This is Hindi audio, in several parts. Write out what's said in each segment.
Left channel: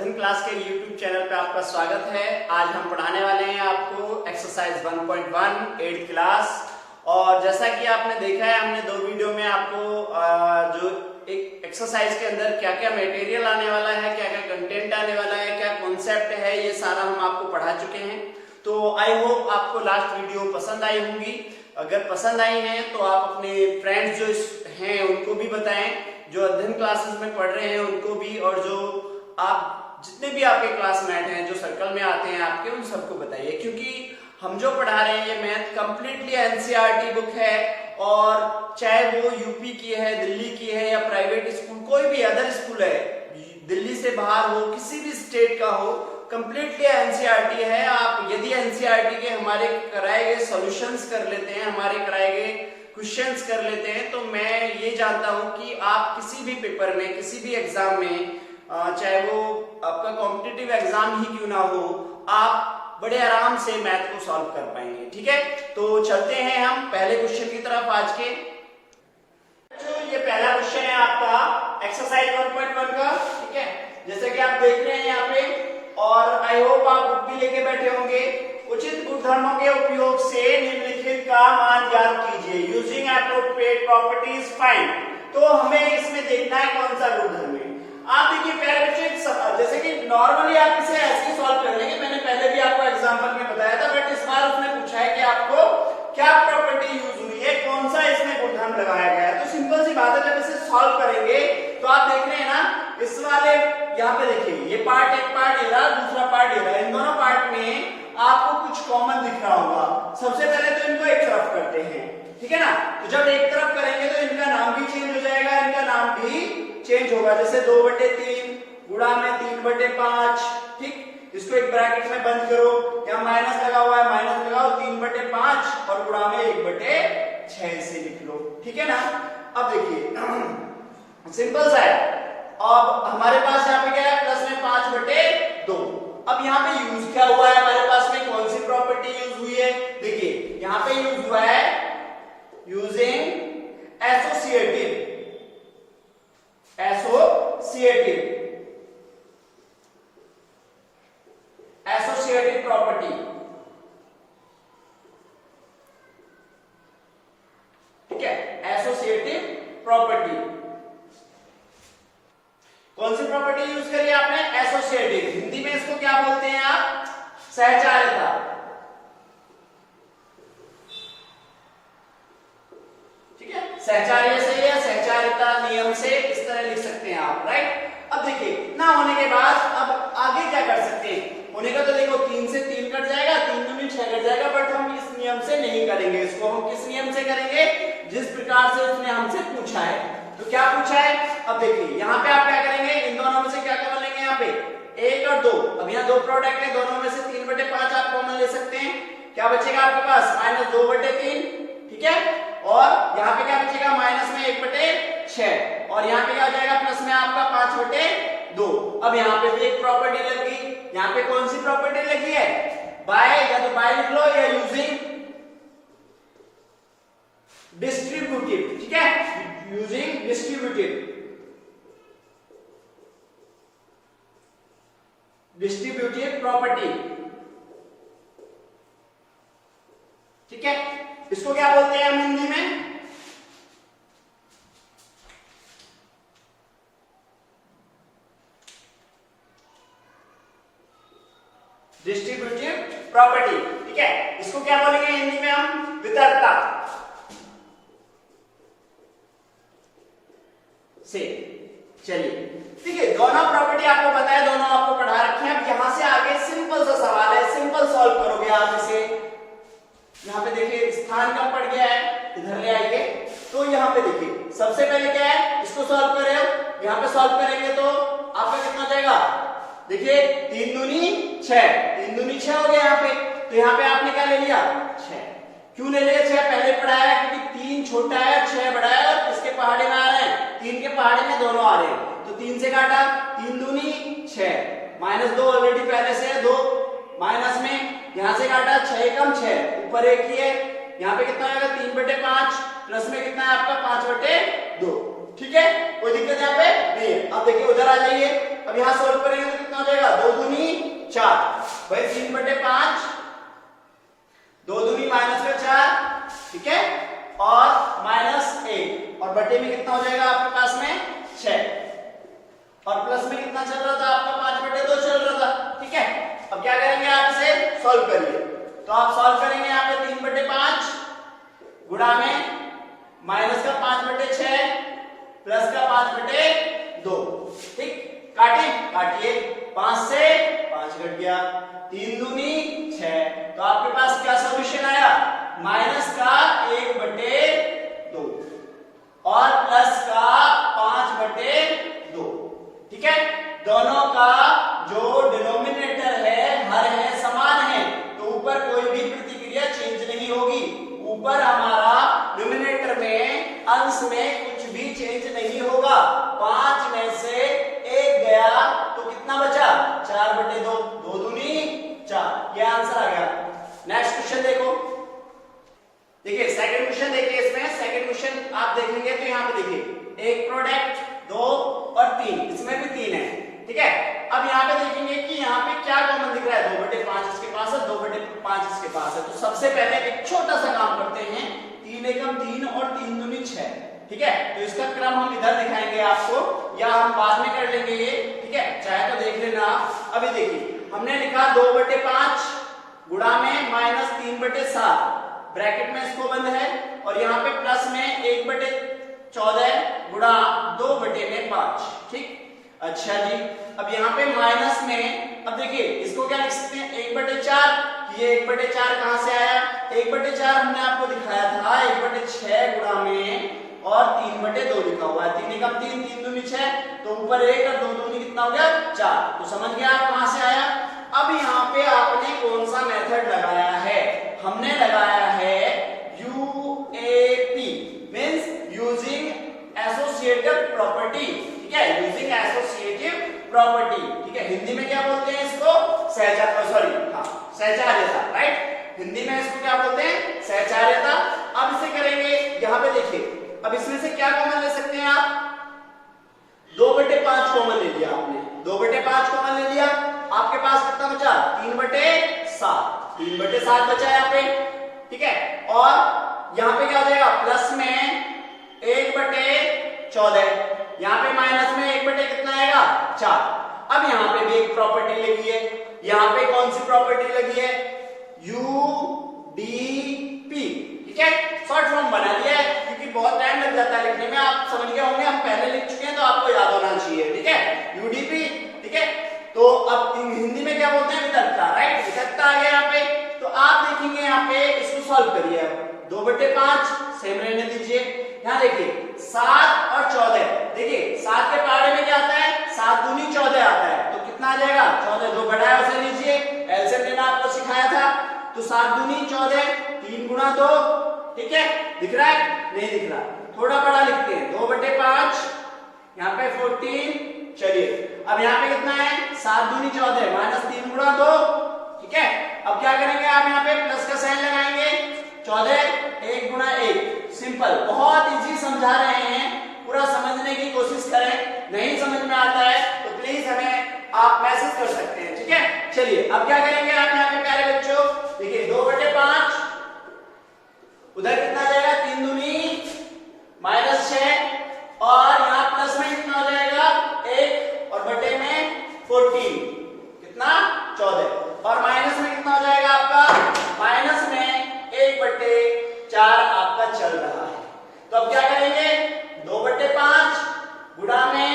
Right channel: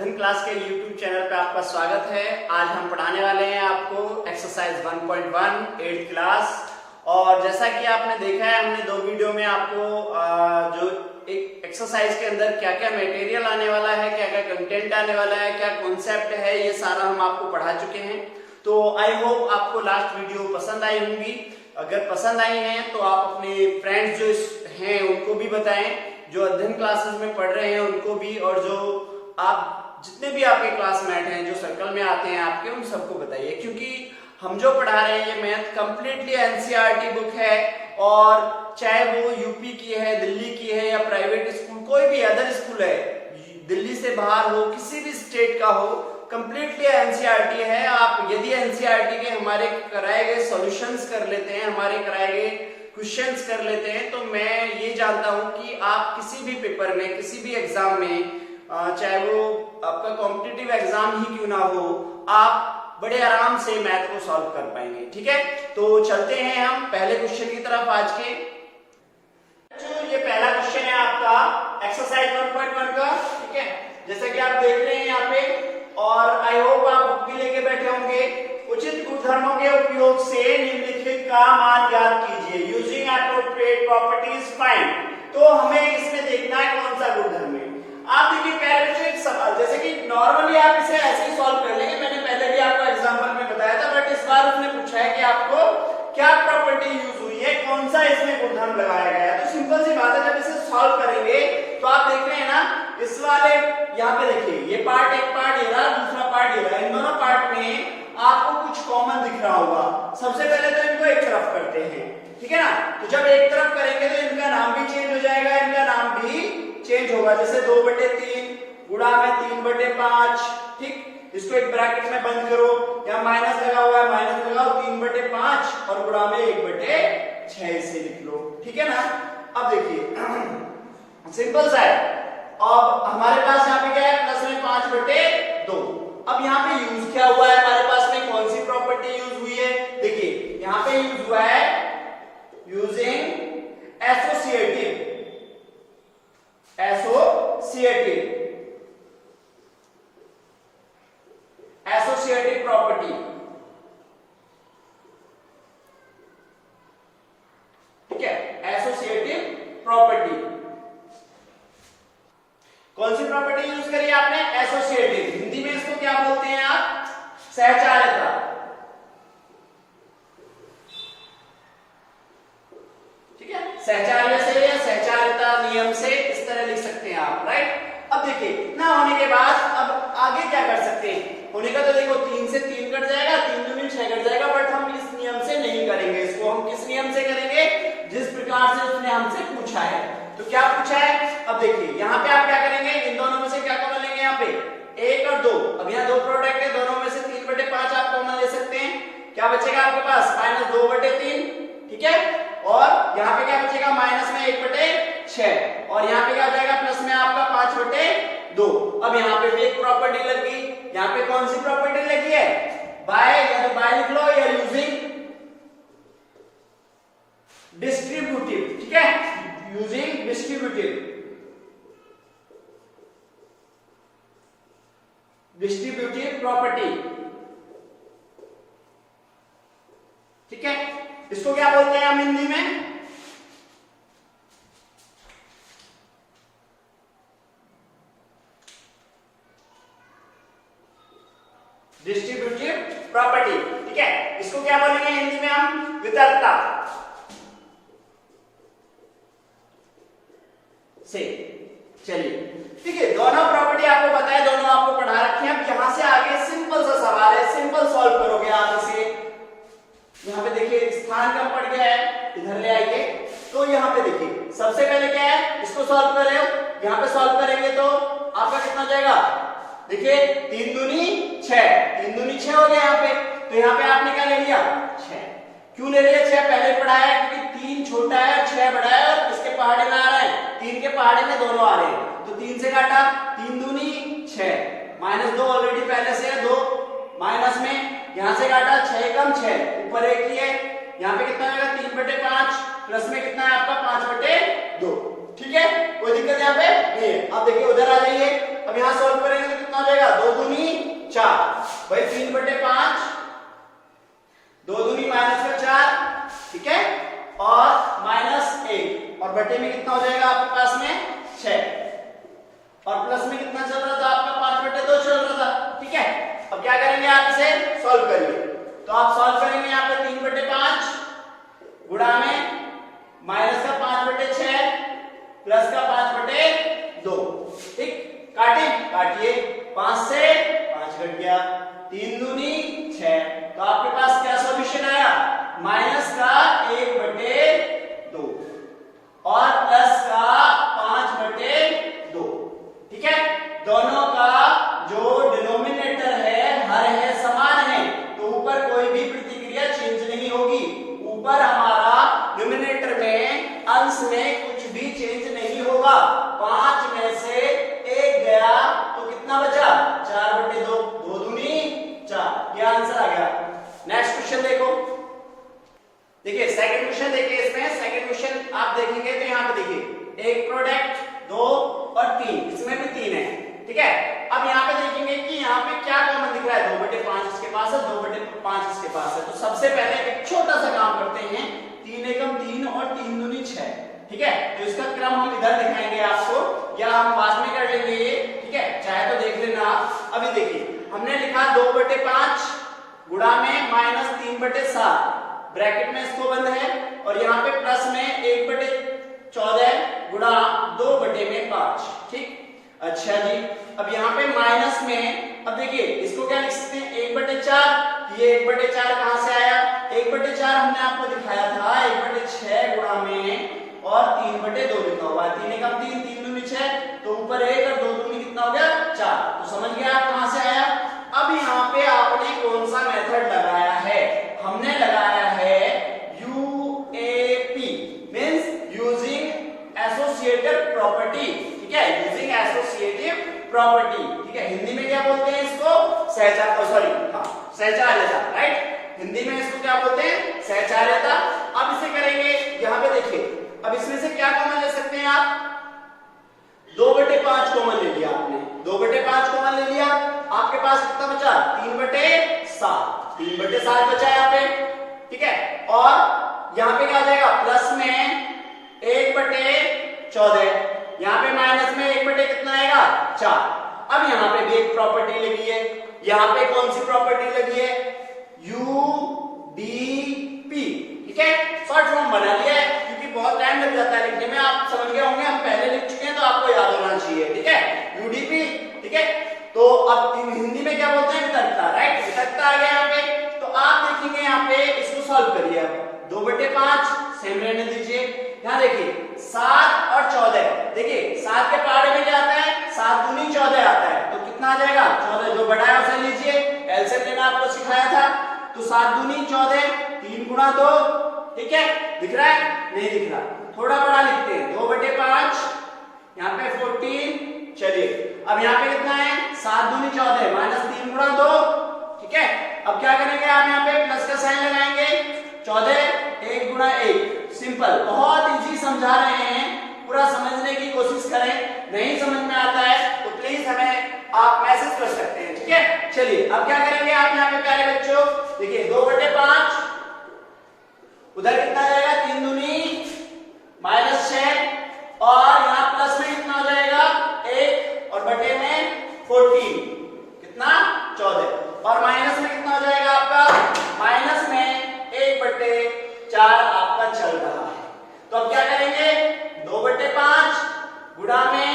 अध्ययन क्लास के YouTube चैनल पे आपका स्वागत है। आज हम पढ़ाने वाले हैं आपको एक्सरसाइज 1.1 8th क्लास। और जैसा कि आपने देखा है, हमने दो वीडियो में आपको जो एक एक्सरसाइज के अंदर क्या क्या मटेरियल आने वाला है, क्या क्या कंटेंट आने वाला है, क्या कॉन्सेप्ट है, ये सारा हम आपको पढ़ा चुके हैं। तो आई होप आपको लास्ट वीडियो पसंद आई होंगी। अगर पसंद आई हैं तो आप अपने फ्रेंड्स जो हैं उनको भी बताएं, जो अध्ययन क्लासेस में पढ़ रहे हैं उनको भी, और जो आप जितने भी आपके क्लासमेट हैं जो सर्कल में आते हैं आपके, उन सबको बताइए। क्योंकि हम जो पढ़ा रहे हैं ये मैथ कंप्लीटली एनसीईआरटी बुक है, और चाहे वो यूपी की है, दिल्ली की है, या प्राइवेट स्कूल, कोई भी अदर स्कूल है, दिल्ली से बाहर हो, किसी भी स्टेट का हो, कंप्लीटली एनसीईआरटी है। आप यदि एनसीईआरटी के हमारे कराए गए सॉल्यूशंस कर लेते हैं, हमारे कराए गए क्वेश्चंस कर लेते हैं, तो मैं ये जानता हूं कि आप किसी भी पेपर में, किसी भी एग्जाम में, चाहे वो आपका कॉम्पिटिटिव एग्जाम ही क्यों ना हो, आप बड़े आराम से मैथ को सॉल्व कर पाएंगे। ठीक है, तो चलते हैं हम पहले क्वेश्चन की तरफ आज के। ये पहला क्वेश्चन है आपका एक्सरसाइज 1.1 का। ठीक है, जैसे कि आप देख रहे हैं यहाँ पे, और आई होप आप बुक भी लेके बैठे होंगे। उचित गुणधर्मों के उपयोग से निम्नलिखित का मान ज्ञात कीजिए, यूजिंग एप्रोप्रिएट प्रॉपर्टीज फाइंड। तो हमें इसमें देखना है कौन सा गुणधर्म है। आप देखिए पहले सवाल, जैसे कि नॉर्मली आप इसे ऐसे ही सॉल्व कर लेंगे, मैंने पहले भी आपको एग्जांपल में बताया था, बट इस बार उसने पूछा है कि आपको क्या प्रॉपर्टी यूज हुई है, कौन सा इसमें गुणधर्म लगाया गया है। तो सिंपल सी बात है, जब इसे सॉल्व करेंगे तो आप देख रहे हैं ना, इस वाले यहाँ पे देखिए, ये पार्ट, एक पार्ट ये रहा, दूसरा पार्ट ये रहा। इन दोनों पार्ट में आपको कुछ कॉमन दिख रहा होगा। सबसे पहले तो इनको एक तरफ करते हैं, ठीक है ना। तो जब एक तरफ करेंगे तो इनका नाम भी चेंज हो जाएगा, इनका नाम भी चेंज होगा। जैसे 2/3 गुणा में 3/5। ठीक, इसको एक ब्रैकेट में बंद करो, यहाँ माइनस लगा हुआ है, माइनस लगाओ, 3/5 और गुणा में 1/6 से लिख लो। ठीक है ना। अब देखिए सिंपल सा है। अब हमारे पास यहाँ पे क्या है, प्लस में 5/2। अब यहाँ पे यूज क्या हुआ है, हमारे पास में कौन सी प्रॉपर्टी यूज हुई है, देखिए यहाँ पे यूज हुआ है यूजिंग एसोसिएटिव प्रॉपर्टी। ठीक है, एसोसिएटिव प्रॉपर्टी। कौन सी प्रॉपर्टी यूज करी आपने, एसोसिएटिव। हिंदी में इसको क्या बोलते हैं आप, सहचार्यता। ठीक है, सहचार्य से या सहचार्यता नियम से इस तरह लिख सकते हैं आप, राइट। अब देखिए इतना होने के बाद अब आगे क्या कर सकते हैं, होने का तो देखो 3 से 3 कट जाएगा, 3 दूनी 6 कट जाएगा, बट हम इस नियम से नहीं करेंगे। इसको हम किस नियम से करेंगे, जिस प्रकार से उसने हमसे पूछा है। तो क्या पूछा है, अब देखिए यहाँ पे आप क्या करेंगे, इन दोनों में से क्या कॉमन लेंगे, यहाँ पे 1 और 2। अब यहाँ 2 प्रोडक्ट है, दोनों में से 3/5 आप कॉमन ले सकते हैं। क्या बचेगा आपके पास, -2/3। ठीक है, और यहाँ पे क्या बचेगा, माइनस में 1/6, और यहाँ पे क्या हो जाएगा, प्लस में आपका 5/2। अब यहाँ पे भी एक प्रॉपर्टी लग गई। यहाँ पे कौन सी प्रॉपर्टी लगी है, बाय, या तो बाय लिख लो या यूजिंग डिस्ट्रीब्यूटिव। ठीक है, यूजिंग डिस्ट्रीब्यूटिव प्रॉपर्टी। ठीक है, इसको क्या बोलते हैं हम हिंदी में, डिस्ट्रीब्यूटिव प्रॉपर्टी। ठीक है, इसको क्या बोलेंगे हिंदी में हम, वितरकता से। चलिए ठीक है, दोनों प्रॉपर्टी आपको बताया, दोनों आपको पढ़ा रखे हैं। अब यहां से आगे सिंपल सा सवाल है, सिंपल सॉल्व करोगे आप इसे। यहाँ पे देखिए स्थान कम पड़ गया है, इधर ले आइए। तो यहाँ पे देखिए सबसे पहले क्या है, इसको सॉल्व कर रहे हो, यहाँ पे सॉल्व करेंगे तो आपका कितना हो जाएगा, देखिए 3 दूनी 6, 3 दूनी 6 हो गया यहाँ पे। तो यहाँ पे आपने क्या ले लिया, 6। क्यों ले लिया 6, पहले पढ़ा है, क्योंकि 3 छोटा है और 6 बड़ा है, और इसके पहाड़े में आ रहा है, 3 के पहाड़े में दोनों आ रहे हैं। तो 3 से काटा, 3 दूनी 6, -2 ऑलरेडी पहले से है, 2 माइनस में, यहां से काटा, 6 कम 6, ऊपर 1 ही है, यहाँ पे कितना आएगा, 3/5, प्लस में कितना है आपका 5/2। ठीक है, कोई दिक्कत यहाँ पे नहीं है। अब देखिए उधर आ जाइए। अब यहाँ सोल्व करेंगे तो कितना हो जाएगा, 2 दूनी 4, भाई 3/5, 2 दूनी -4, ठीक है, और -1 और बटे में कितना हो जाएगा आपके पास में 6, और प्लस में कितना चल रहा था आपका 5/2 चल रहा था, ठीक है। अब क्या करेंगे, आप इसे सॉल्व करिए, तो आप सॉल्व करेंगे यहाँ पे 3/5 गुणा में माइनस का 5/6 प्लस का 5/2, ठीक, काटिए, 5 से 5 घट गया, 3 दूनी 6, तो आपके पास क्या सॉल्यूशन आया, माइनस का 1/2 और प्लस का 5/2, ठीक है। दोनों का जो डिनोमिनेटर है हर है समान है, तो ऊपर कोई भी प्रतिक्रिया चेंज नहीं होगी, ऊपर हमारा डिनोमिनेटर में अंश में कुछ भी चेंज नहीं होगा, 5 में से 1 गया तो कितना बचा, 4/2, 2 दूनी 4, ये आंसर आ गया। नेक्स्ट क्वेश्चन देखो, देखिए सेकंड क्वेश्चन देखिए, इसमें सेकंड क्वेश्चन आप देखेंगे तो यहाँ पे देखिए एक प्रोडक्ट 2 और 3, इसमें भी 3 है, ठीक है। अब यहाँ पे देखेंगे कि यहाँ पे क्या कॉमन दिख रहा है, 2/5 इसके पास है, 2/5 इसके पास है, तो सबसे पहले एक छोटा सा काम करते हैं, 3 एकम 3 और 3 दूनी 6, ठीक है। तो इसका क्रम हम इधर दिखाएंगे आपको, या हम बाद में कर लेंगे ये, ठीक है, चाहे तो देख लेना आप। अभी देखिए हमने लिखा 2/5 गुणा में -3/7, ब्रैकेट में इसको बंद है, और यहाँ पे प्लस में 1/14 गुणा 2/5, ठीक। अच्छा जी, अब यहाँ पे माइनस में, अब देखिए इसको क्या लिख सकते हैं, 1/4, ये 1/4 कहां से आया, 1/4 हमने आपको दिखाया था 1/6 गुणा में और 3/2 लिखा हुआ है, 3 एकम 3, 3 दूनी 6, तो ऊपर 1 और 2 दूनी कितना हो गया 4, तो समझ गया आप कहां से आया। अब यहाँ पे आपने कौन सा मेथड लगाया है, हमने लगाया है UAP, means using associative property, ठीक है, यूजिंग एसोसिएटिव प्रॉपर्टी, ठीक है। हिंदी में क्या बोलते हैं इसको, सहचार्यता, राइट, हिंदी में इसको क्या बोलते हैं, सहचार्यता। अब इसे करेंगे, यहाँ पे देखिए, अब इसमें से क्या कॉमन ले सकते हैं आप, 2/5 कॉमन ले लिया आपने, 2/5 कॉमन ले लिया, आपके पास कितना बचा, 3/7, 3/7 बचा यहाँ पे, ठीक है। और यहाँ पे क्या आ जाएगा, प्लस में 1/14, यहाँ पे माइनस में 1 कितना आएगा 4। अब यहाँ पे भी एक प्रॉपर्टी लगी है, यहाँ पे कौन सी प्रॉपर्टी लगी है, यूडीपी, ठीक है, शॉर्ट फॉर्म बना लिया है क्योंकि बहुत टाइम लग जाता है लिखने में, आप समझ गए होंगे, हम पहले लिख चुके हैं तो आपको याद होना चाहिए, ठीक है, यूडीपी, ठीक है। तो अब हिंदी में क्या बोलते हैं, वितरकता, राइट, वितरकता आ गया यहाँ पे। तो आप देखेंगे यहाँ पे इसको सॉल्व करिए, 2/5 सेम रहने दीजिए, यहाँ देखिए 7 और 14, देखिए 7 के पहाड़े में क्या आता है, 7 दूनी 14 आता है, तो कितना आ जाएगा, 14 जो बड़ा है उसे लीजिए, एलसीएम लेना आपको सिखाया था, तो 7 दूनी 14, 3 गुणा 2, ठीक है, दिख रहा है, नहीं दिख रहा, थोड़ा बड़ा लिखते हैं, 2/5, यहाँ पे 14, चलिए अब यहाँ पे कितना है, 7 दूनी 14 -3 गुणा 2, ठीक है। अब क्या करेंगे, आप यहाँ पे प्लस का साइन लगाएंगे, 14 1 गुणा 1, सिंपल, बहुत इजी समझा रहे हैं, पूरा समझने की कोशिश करें, नहीं समझ में आता है तो प्लीज हमें आप मैसेज कर सकते हैं, ठीक है। चलिए अब क्या करेंगे, आप यहाँ पे प्यारे बच्चों देखिए 2/5, उधर कितना आ जाएगा, 3 दूनी -6, और यहाँ प्लस में कितना हो जाएगा 1 और बटे में 14, कितना 14, और माइनस में कितना हो जाएगा आपका, माइनस में 1/4 आपका चल रहा है। तो अब क्या करेंगे, 2/5 गुणा में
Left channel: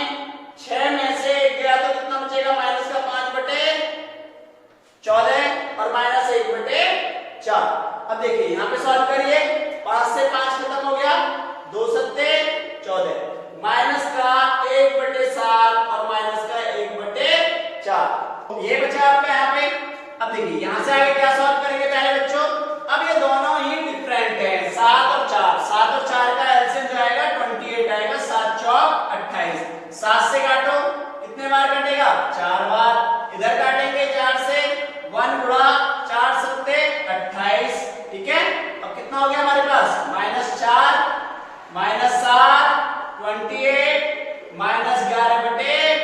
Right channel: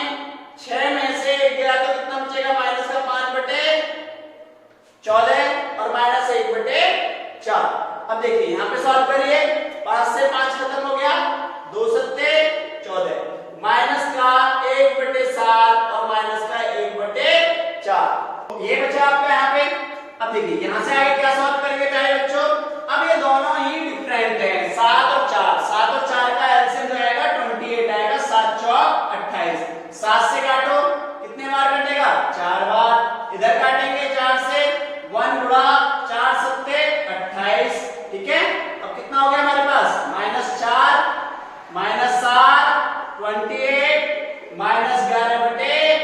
6 में से 1 गया तो कितना बचेगा, माइनस का 5/14 और माइनस 1/4। अब देखिए यहाँ पे सॉल्व करिए, 5 से 5 खत्म हो गया, 2 सत्ते 14, माइनस का 1/7 और माइनस का 1/4, ये बचा आपका यहाँ पे। अब देखिए यहाँ से आगे क्या सॉल्व करेंगे प्यारे बच्चों, अब ये दोनों ही डिफरेंट हैं, 7 और 4, 7 और 4 का एलसीएम जो आएगा 28 आएगा, 7 चौक 28, 7 से काटो, कितने बार कटेगा, 4 बार, इधर काटेंगे 4 से, 1 गुणा 4 सत्ते 28, ठीक है। अब कितना हो गया हमारे पास, -4 -7 28 -11/28,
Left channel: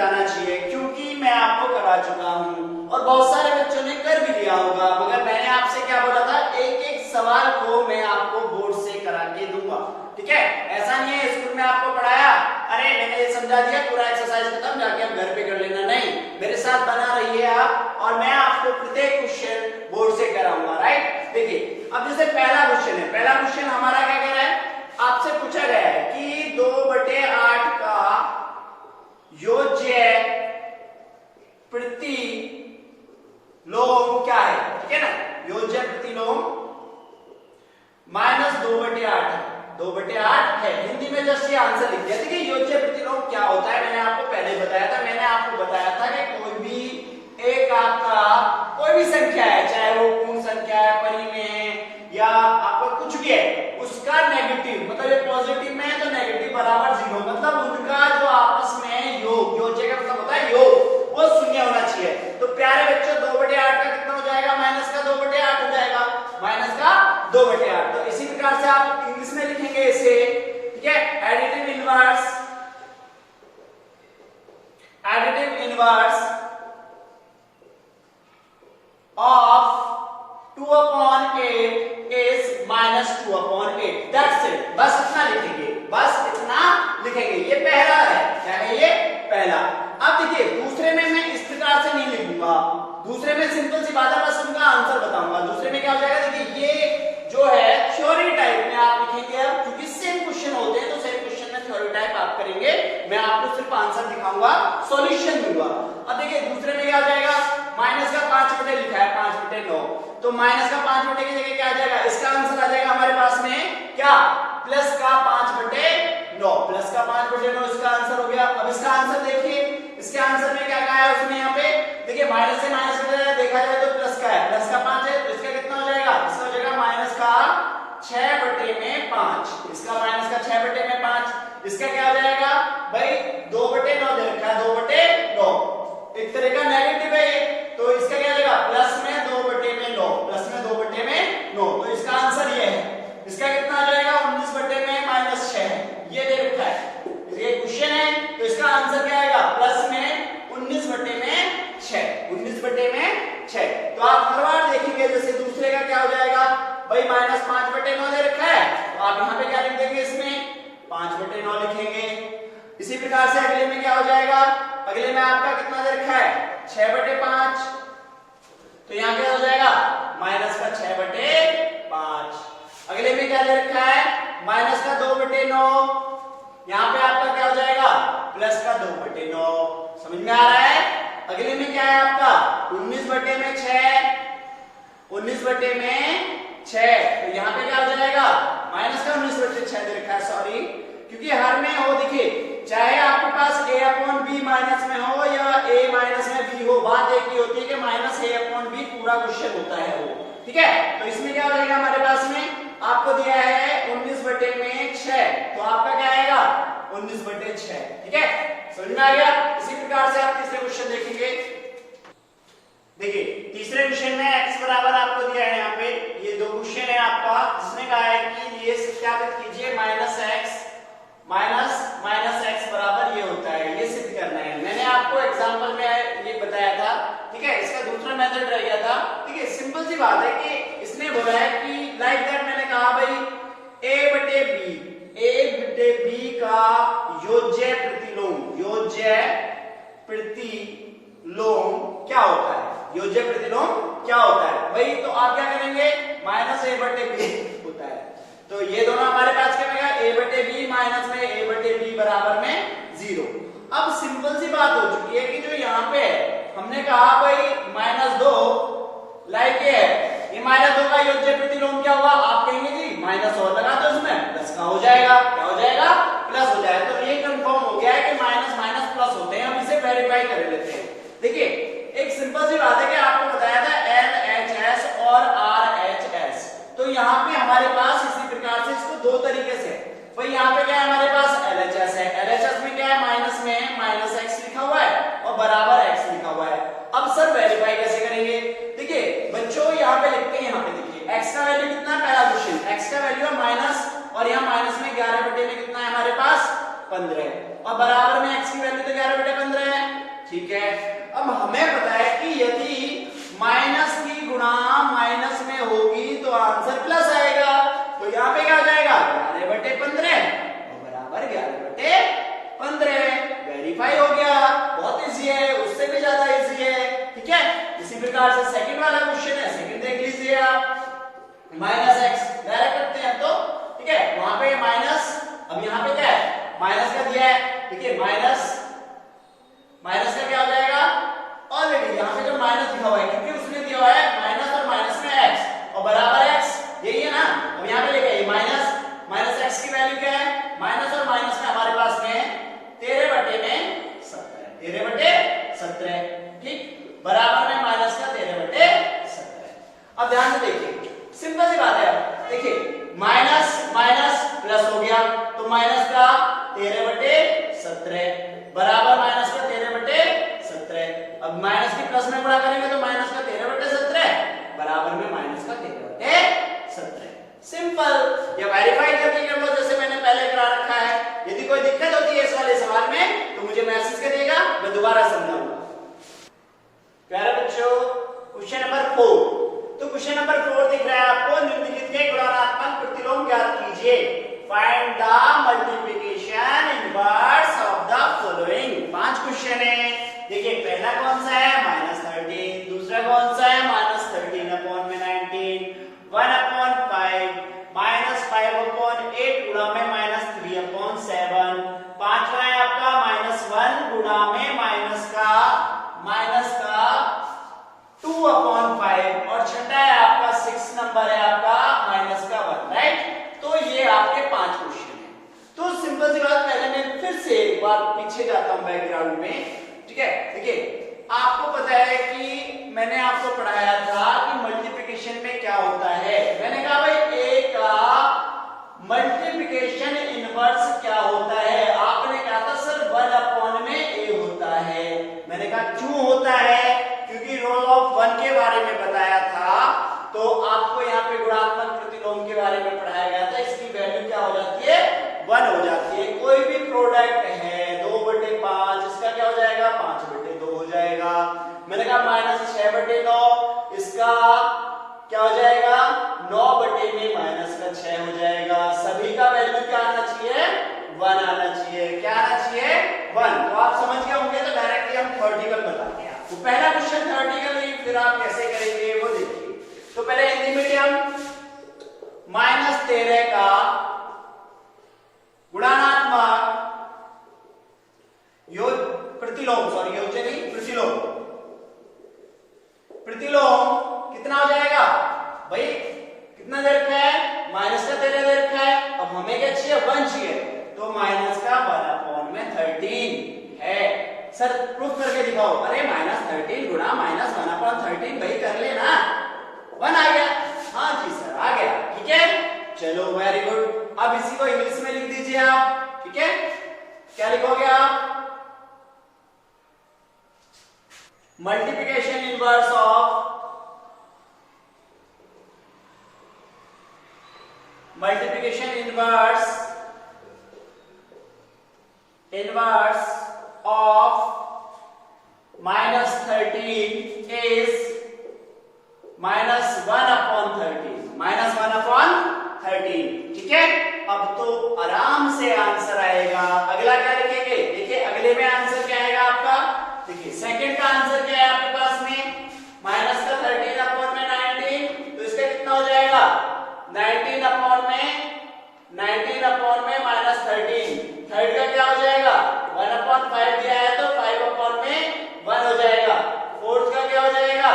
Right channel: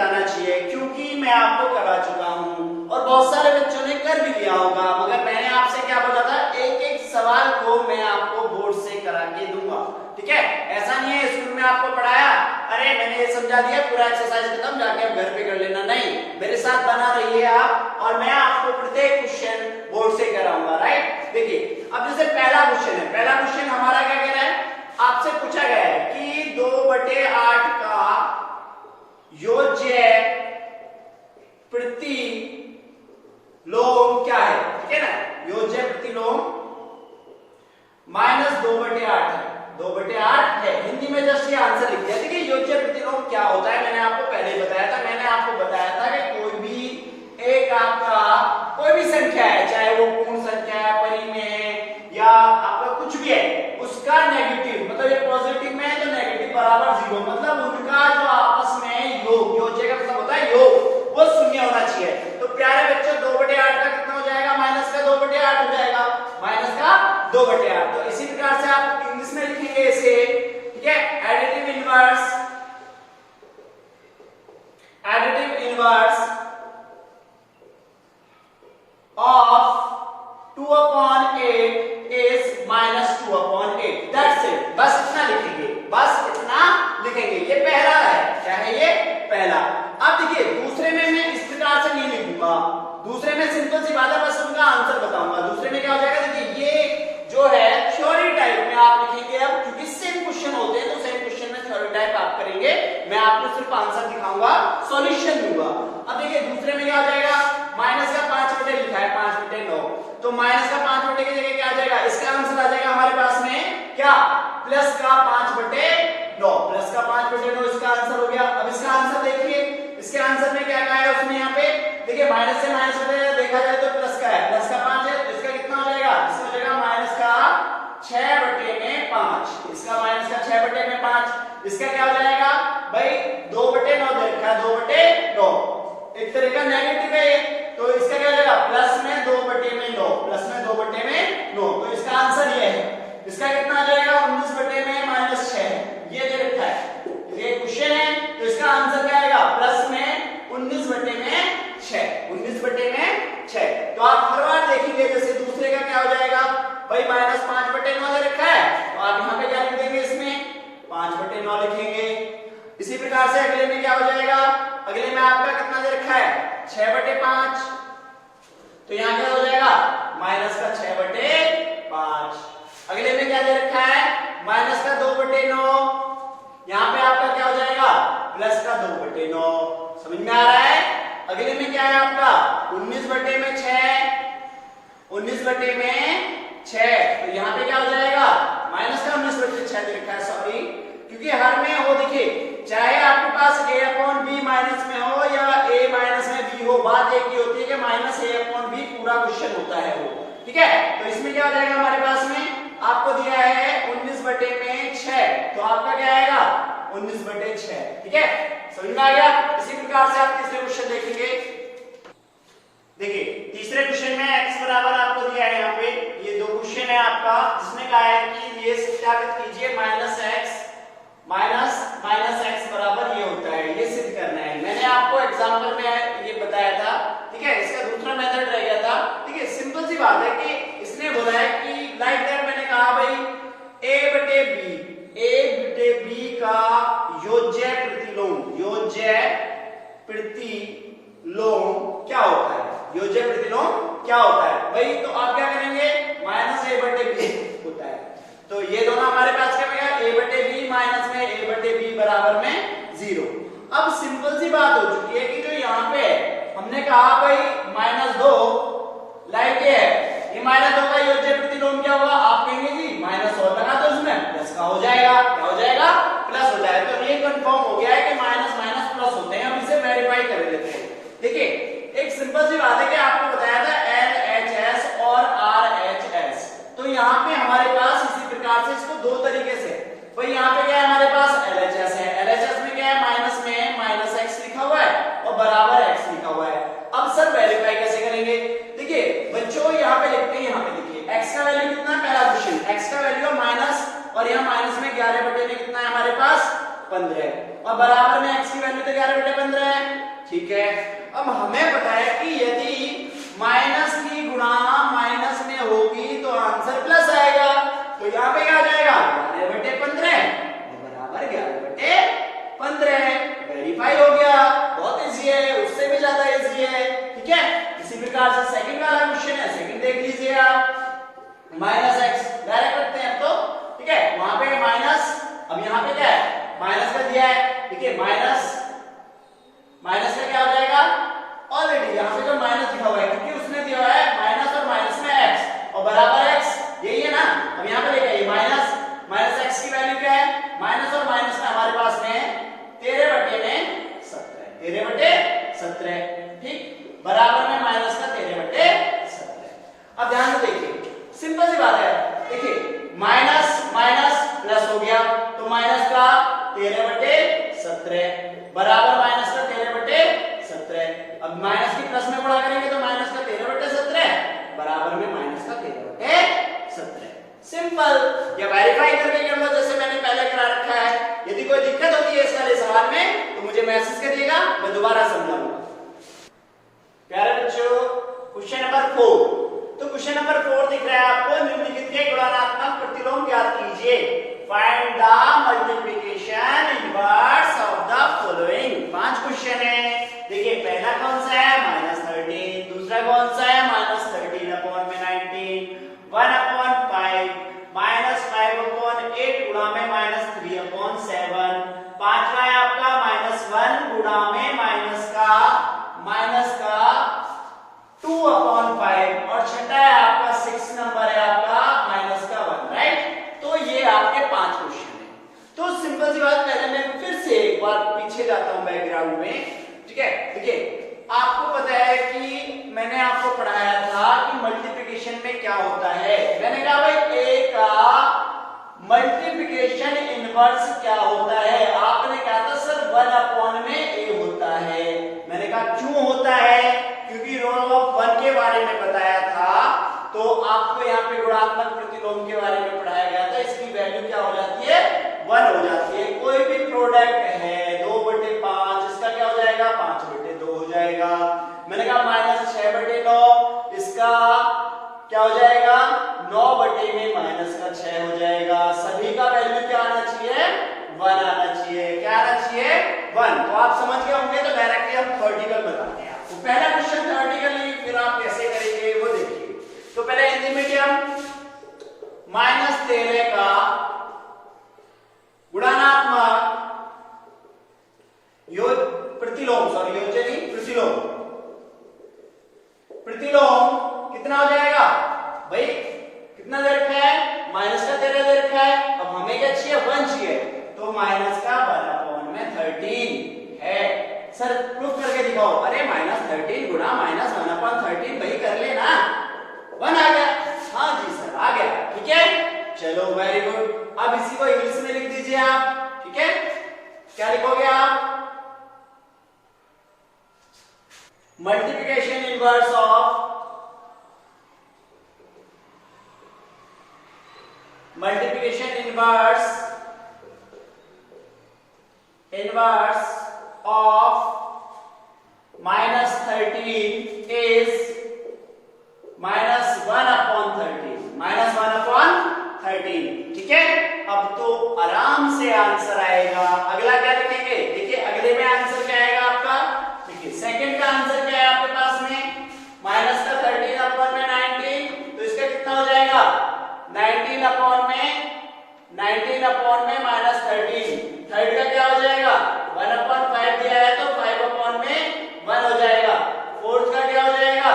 बताना चाहिए क्योंकि मैं आपको करवा चुका हूं और बहुत सारे बच्चों ने कर भी लिया होगा, मगर मैंने आपसे क्या बोला था, एक एक सवाल को मैं आपको बोर्ड से करा के दूंगा। ठीक है, ऐसा नहीं है स्कूल में आपको पढ़ाया, अरे मैंने ये समझा दिया, पूरा एक्सरसाइज खत्म, जाके आप घर पे कर लेना। नहीं, मेरे साथ बना रहिए आप और मैं आपको प्रत्येक क्वेश्चन बोर्ड से कराऊंगा। राइट, देखिए अब जैसे पहला क्वेश्चन है, पहला क्वेश्चन हमारा क्या कह रहा है, आपसे पूछा गया है कि 2/8 का योज्य प्रतिलोम क्या है। ठीक है ना, योज्य प्रतिलोम -2/8 है, 2/8 है। हिंदी में जस्ट ये आंसर लिख दिया। देखिए योज्य प्रतिलोम क्या होता है, मैंने आपको पहले ही बताया था। मैंने आपको बताया था कि कोई भी एक आपका कोई भी संख्या है, चाहे वो पूर्ण संख्या है, परिमेय या आपका कुछ भी है, उसका नेगेटिव मतलब ये पॉजिटिव में है तो नेगेटिव बराबर 0, मतलब उनका जो आपस में योग, योज्य का मतलब होता है योग, वो शून्य होना चाहिए। तो प्यारे बच्चों 2/8 का कितना हो जाएगा, माइनस का 2/8 हो जाएगा, माइनस का 2/8। तो इसी प्रकार से आप इंग्लिश में लिखेंगे इसे। ठीक है, additive inverse, additive inverse of 2/8 is -2/8। That's it, बस इतना लिखेंगे, बस इतना लिखेंगे। ये पहला है, क्या है ये, पहला। अब देखिए दूसरे में मैं इस प्रकार से नहीं लिखूंगा, दूसरे में सिंपल सी बात है, बस उनका आंसर बताऊंगा। दूसरे में क्या हो जाएगा, देखिए ये जो है थ्योरी टाइप में आप लिखेंगे। अब क्योंकि सेम क्वेश्चन होते हैं तो सेम क्वेश्चन में थ्योरी टाइप आप करेंगे, मैं आपको सिर्फ आंसर दिखाऊंगा, सॉल्यूशन दूंगा। अब देखिए दूसरे में क्या हो जाएगा, माइनस का 5/, लिखा है 5/9, तो माइनस का 5/, की जगह क्या आ जाएगा, इसका आंसर आ जाएगा हमारे पास में क्या, प्लस का 5/9, प्लस का 5/9 इसका आंसर हो गया। अब इसका आंसर देखिए, इसके आंसर में क्या कहा है उसने यहाँ पे, देखिए माइनस से माइनस देखा जाए तो प्लस का है, प्लस का 5 है, तो इसका कितना हो जाएगा, इसका हो जाएगा माइनस का 6/5, इसका माइनस का 6/5, इसका क्या हो जाएगा भाई 2/9 दे रखा है, 2/9 एक तरह का नेगेटिव है ये, तो इसका क्या हो जाएगा, प्लस में 2/9, प्लस में 2/9, तो इसका आंसर ये है। इसका कितना आ जाएगा, 19/6, ये दे रखा है, ये क्वेश्चन है, तो इसका आंसर क्या आएगा, प्लस में 19/6, 19/6। तो आप हर बार देखेंगे, जैसे दूसरे का क्या हो जाएगा भाई, -5/9 दे रखा है, तो आप यहाँ पे क्या लिख देंगे, इसमें 5/9 लिखेंगे। इसी प्रकार से अगले में क्या हो जाएगा, अगले में आपका कितना दे रखा है, 6/5, तो यहाँ पे हो जाएगा माइनस का 6/5। अगले में क्या दे रखा है, माइनस का 2/9, यहाँ पे आपका क्या हो जाएगा, प्लस का 2/9। समझ में आ रहा है। अगले में क्या है आपका 19/6, 19/6, तो यहाँ पे क्या हो जाएगा, माइनस का 19/6 दे रखा है, सॉरी, क्योंकि हर में हो, देखिए चाहे आपके पास a/b माइनस में हो या a माइनस में b हो, बात एक ही होती है कि -a/b पूरा क्वेश्चन होता है वो। ठीक है, तो इसमें क्या हो जाएगा, हमारे पास में आपको दिया है 19/6, तो आपका क्या आएगा 19/6। ठीक है, समझ में आ गया। इसी प्रकार से आप तीसरे क्वेश्चन देखेंगे। देखिए तीसरे क्वेश्चन में x बराबर आपको दिया है, यहाँ पे ये दो क्वेश्चन है आपका, जिसमें कहा है कि ये सत्यापित कीजिए -x बराबर ये होता है, ये सिद्ध करना है। मैंने आपको एग्जांपल में ये बताया था। ठीक है, इसका दूसरा मेथड रह गया था। ठीक है, सिंपल सी बात है कि इसने बोला है कि लाइक दैट, मैंने कहा भाई a/b का योज्य प्रतिलोम, योज्य प्रतिलोम क्या होता है, योज्य प्रतिलोम क्या होता है भाई, तो आप क्या करेंगे, -a/b होता है, तो ये दोनों हमारे पास क्या बनेगा, a/b माइनस में a/b बराबर में 0। अब सिंपल सी बात हो चुकी है कि जो यहाँ पे है, हमने कहा भाई -2 लाइक ये है, ये -2 का योज्य प्रतिलोम क्या हुआ, आप कहेंगे जी माइनस और लगा दो, इसमें प्लस का हो जाएगा, क्या हो जाएगा, प्लस हो जाएगा। तो ये कंफर्म हो गया है कि माइनस माइनस प्लस होते हैं, हम इसे वेरीफाई कर लेते हैं। देखिए एक सिंपल सी बात है कि आपको बताया था LHS और RHS, तो यहाँ पे हमारे पास इसी प्रकार से इसको दो तरीके से, भाई यहाँ पे क्या है हमारे पास LHS है, LHS में क्या है, माइनस में -x लिखा हुआ है और बराबर x लिखा हुआ है। अब सर वेरीफाई कैसे करेंगे, देखिए बच्चों यहाँ पे लिखते हैं, यहाँ पे देखिए x का वैल्यू कितना है, पहला क्वेश्चन x का वैल्यू है माइनस, और यहाँ माइनस में 11 बटे में कितना है हमारे पास 15 और बराबर में x की वैल्यू तो 11/15 है। ठीक है, अब हमें पता है कि यदि माइनस की गुणा माइनस में होगी तो आंसर प्लस आएगा, तो यहाँ पे क्या हो जाएगा 11/15 बराबर 11/15। वेरीफाई हो गया, बहुत इजी है, उससे भी ज्यादा इजी है। ठीक है, इसी प्रकार से सेकंड वाला क्वेश्चन है, सेकंड देख लीजिए आप। माइनस एक्स डायरेक्ट करते हैं अब तो। ठीक है, वहां पे माइनस, अब यहाँ पे क्या है माइनस का दिया है। ठीक है, माइनस का क्या हो जाएगा, ऑलरेडी यहाँ पे जो माइनस लिखा हुआ है क्योंकि उसने दिया हुआ है माइनस और माइनस में एक्स और बराबर एक्स, यही है ना। अब यहाँ पे देखिए माइनस एक्स की वैल्यू क्या है, माइनस और माइनस में हमारे पास में 13/17। ठीक, बराबर में माइनस का 13/17। अब ध्यान से देखिए, सिंपल सी बात है। देखिए माइनस माइनस प्लस हो गया तो माइनस का 13/17 बराबर माइनस का 13/17। अब माइनस की प्लस में गुणा करेंगे तो माइनस का 13/17 बराबर में माइनस का 13/17। सिंपल, ये वेरीफाई करके कर लो जैसे मैंने पहले करा रखा है। यदि कोई दिक्कत होती है इस वाले सवाल में तो मुझे मैसेज करिएगा, मैं दोबारा समझाऊंगा। प्यारे बच्चों, क्वेश्चन नंबर 4। तो क्वेश्चन नंबर 4 दिख रहा है आपको, निम्नलिखित के गुणात्मक प्रतिलोम ज्ञात कीजिए। Find the multiplication inverse of the following. 5 question है। देखिए पहला कौन सा है -13, दूसरा कौन सा है -13/19, 1/5, -5/8 गुणा में -3/7, पांचवा है आपका -1 गुणा में माइनस का 2/5 और छठा है आपका 6 नंबर है आपका -1, राइट। तो ये आपके 5 क्वेश्चन है। तो सिंपल सी बात, पहले मैं फिर से एक बार पीछे जाता हूं बैकग्राउंड में। ठीक है, देखिए आपको पता है कि मैंने आपको पढ़ाया था कि मल्टीप्लिकेशन में क्या होता है। मैंने कहा भाई ए का मल्टीप्लिकेशन इनवर्स क्या होता है। आपने कहा था सर 1 में ए होता है। मैंने कहा क्यों होता है, क्योंकि रोल ऑफ 1 के बारे में बताया था। तो आपको यहाँ पे गुणात्मक प्रतिलोम के बारे में पढ़ाया गया था। इसकी वैल्यू क्या हो जाती है 1 हो जाती है। कोई भी प्रोडक्ट है 2/5, इसका क्या हो जाएगा 5/2 हो जाएगा। मैंने कहा -6/9, इसका क्या हो जाएगा 9/6 हो जाएगा। सभी का वैल्यू क्या आना चाहिए 1 आना चाहिए। क्या आना चाहिए 1। तो आप समझ गए होंगे, तो डायरेक्टली हम थ्योरेटिकल बताते हैं आपको। पहला क्वेश्चन थ्योरेटिकली, फिर आप कैसे करेंगे वो देखिए। तो पहले हिंदी मीडियम -13 का गुणात्मक प्रतिलोम कितना हो जाएगा भाई, कितना दे रखा है माइनस का 13 दे रखा है। अब हमें क्या चाहिए 1 चाहिए, तो माइनस का 1/13 है। सर प्रूफ करके दिखाओ। अरे -13 गुणा -1/13 भाई कर लेना, 1 आ गया। हाँ जी सर आ गया, ठीक है चलो वेरी गुड। अब इसी को इंग्लिश में लिख दीजिए आप। ठीक है, क्या लिखोगे आप मल्टीप्लिकेशन इनवर्स ऑफ -13 is -1/13। ठीक है, अब तो आराम से आंसर आएगा। अगला क्या लिखेंगे, देखिए अगले में आंसर क्या आएगा आपका। देखिए सेकंड का आंसर क्या है आपके पास में -13/19, तो इसका कितना हो जाएगा 19/13। थर्ड का क्या हो जाएगा 1/5 दिया है तो 5/1 हो जाएगा। फोर्थ का क्या हो जाएगा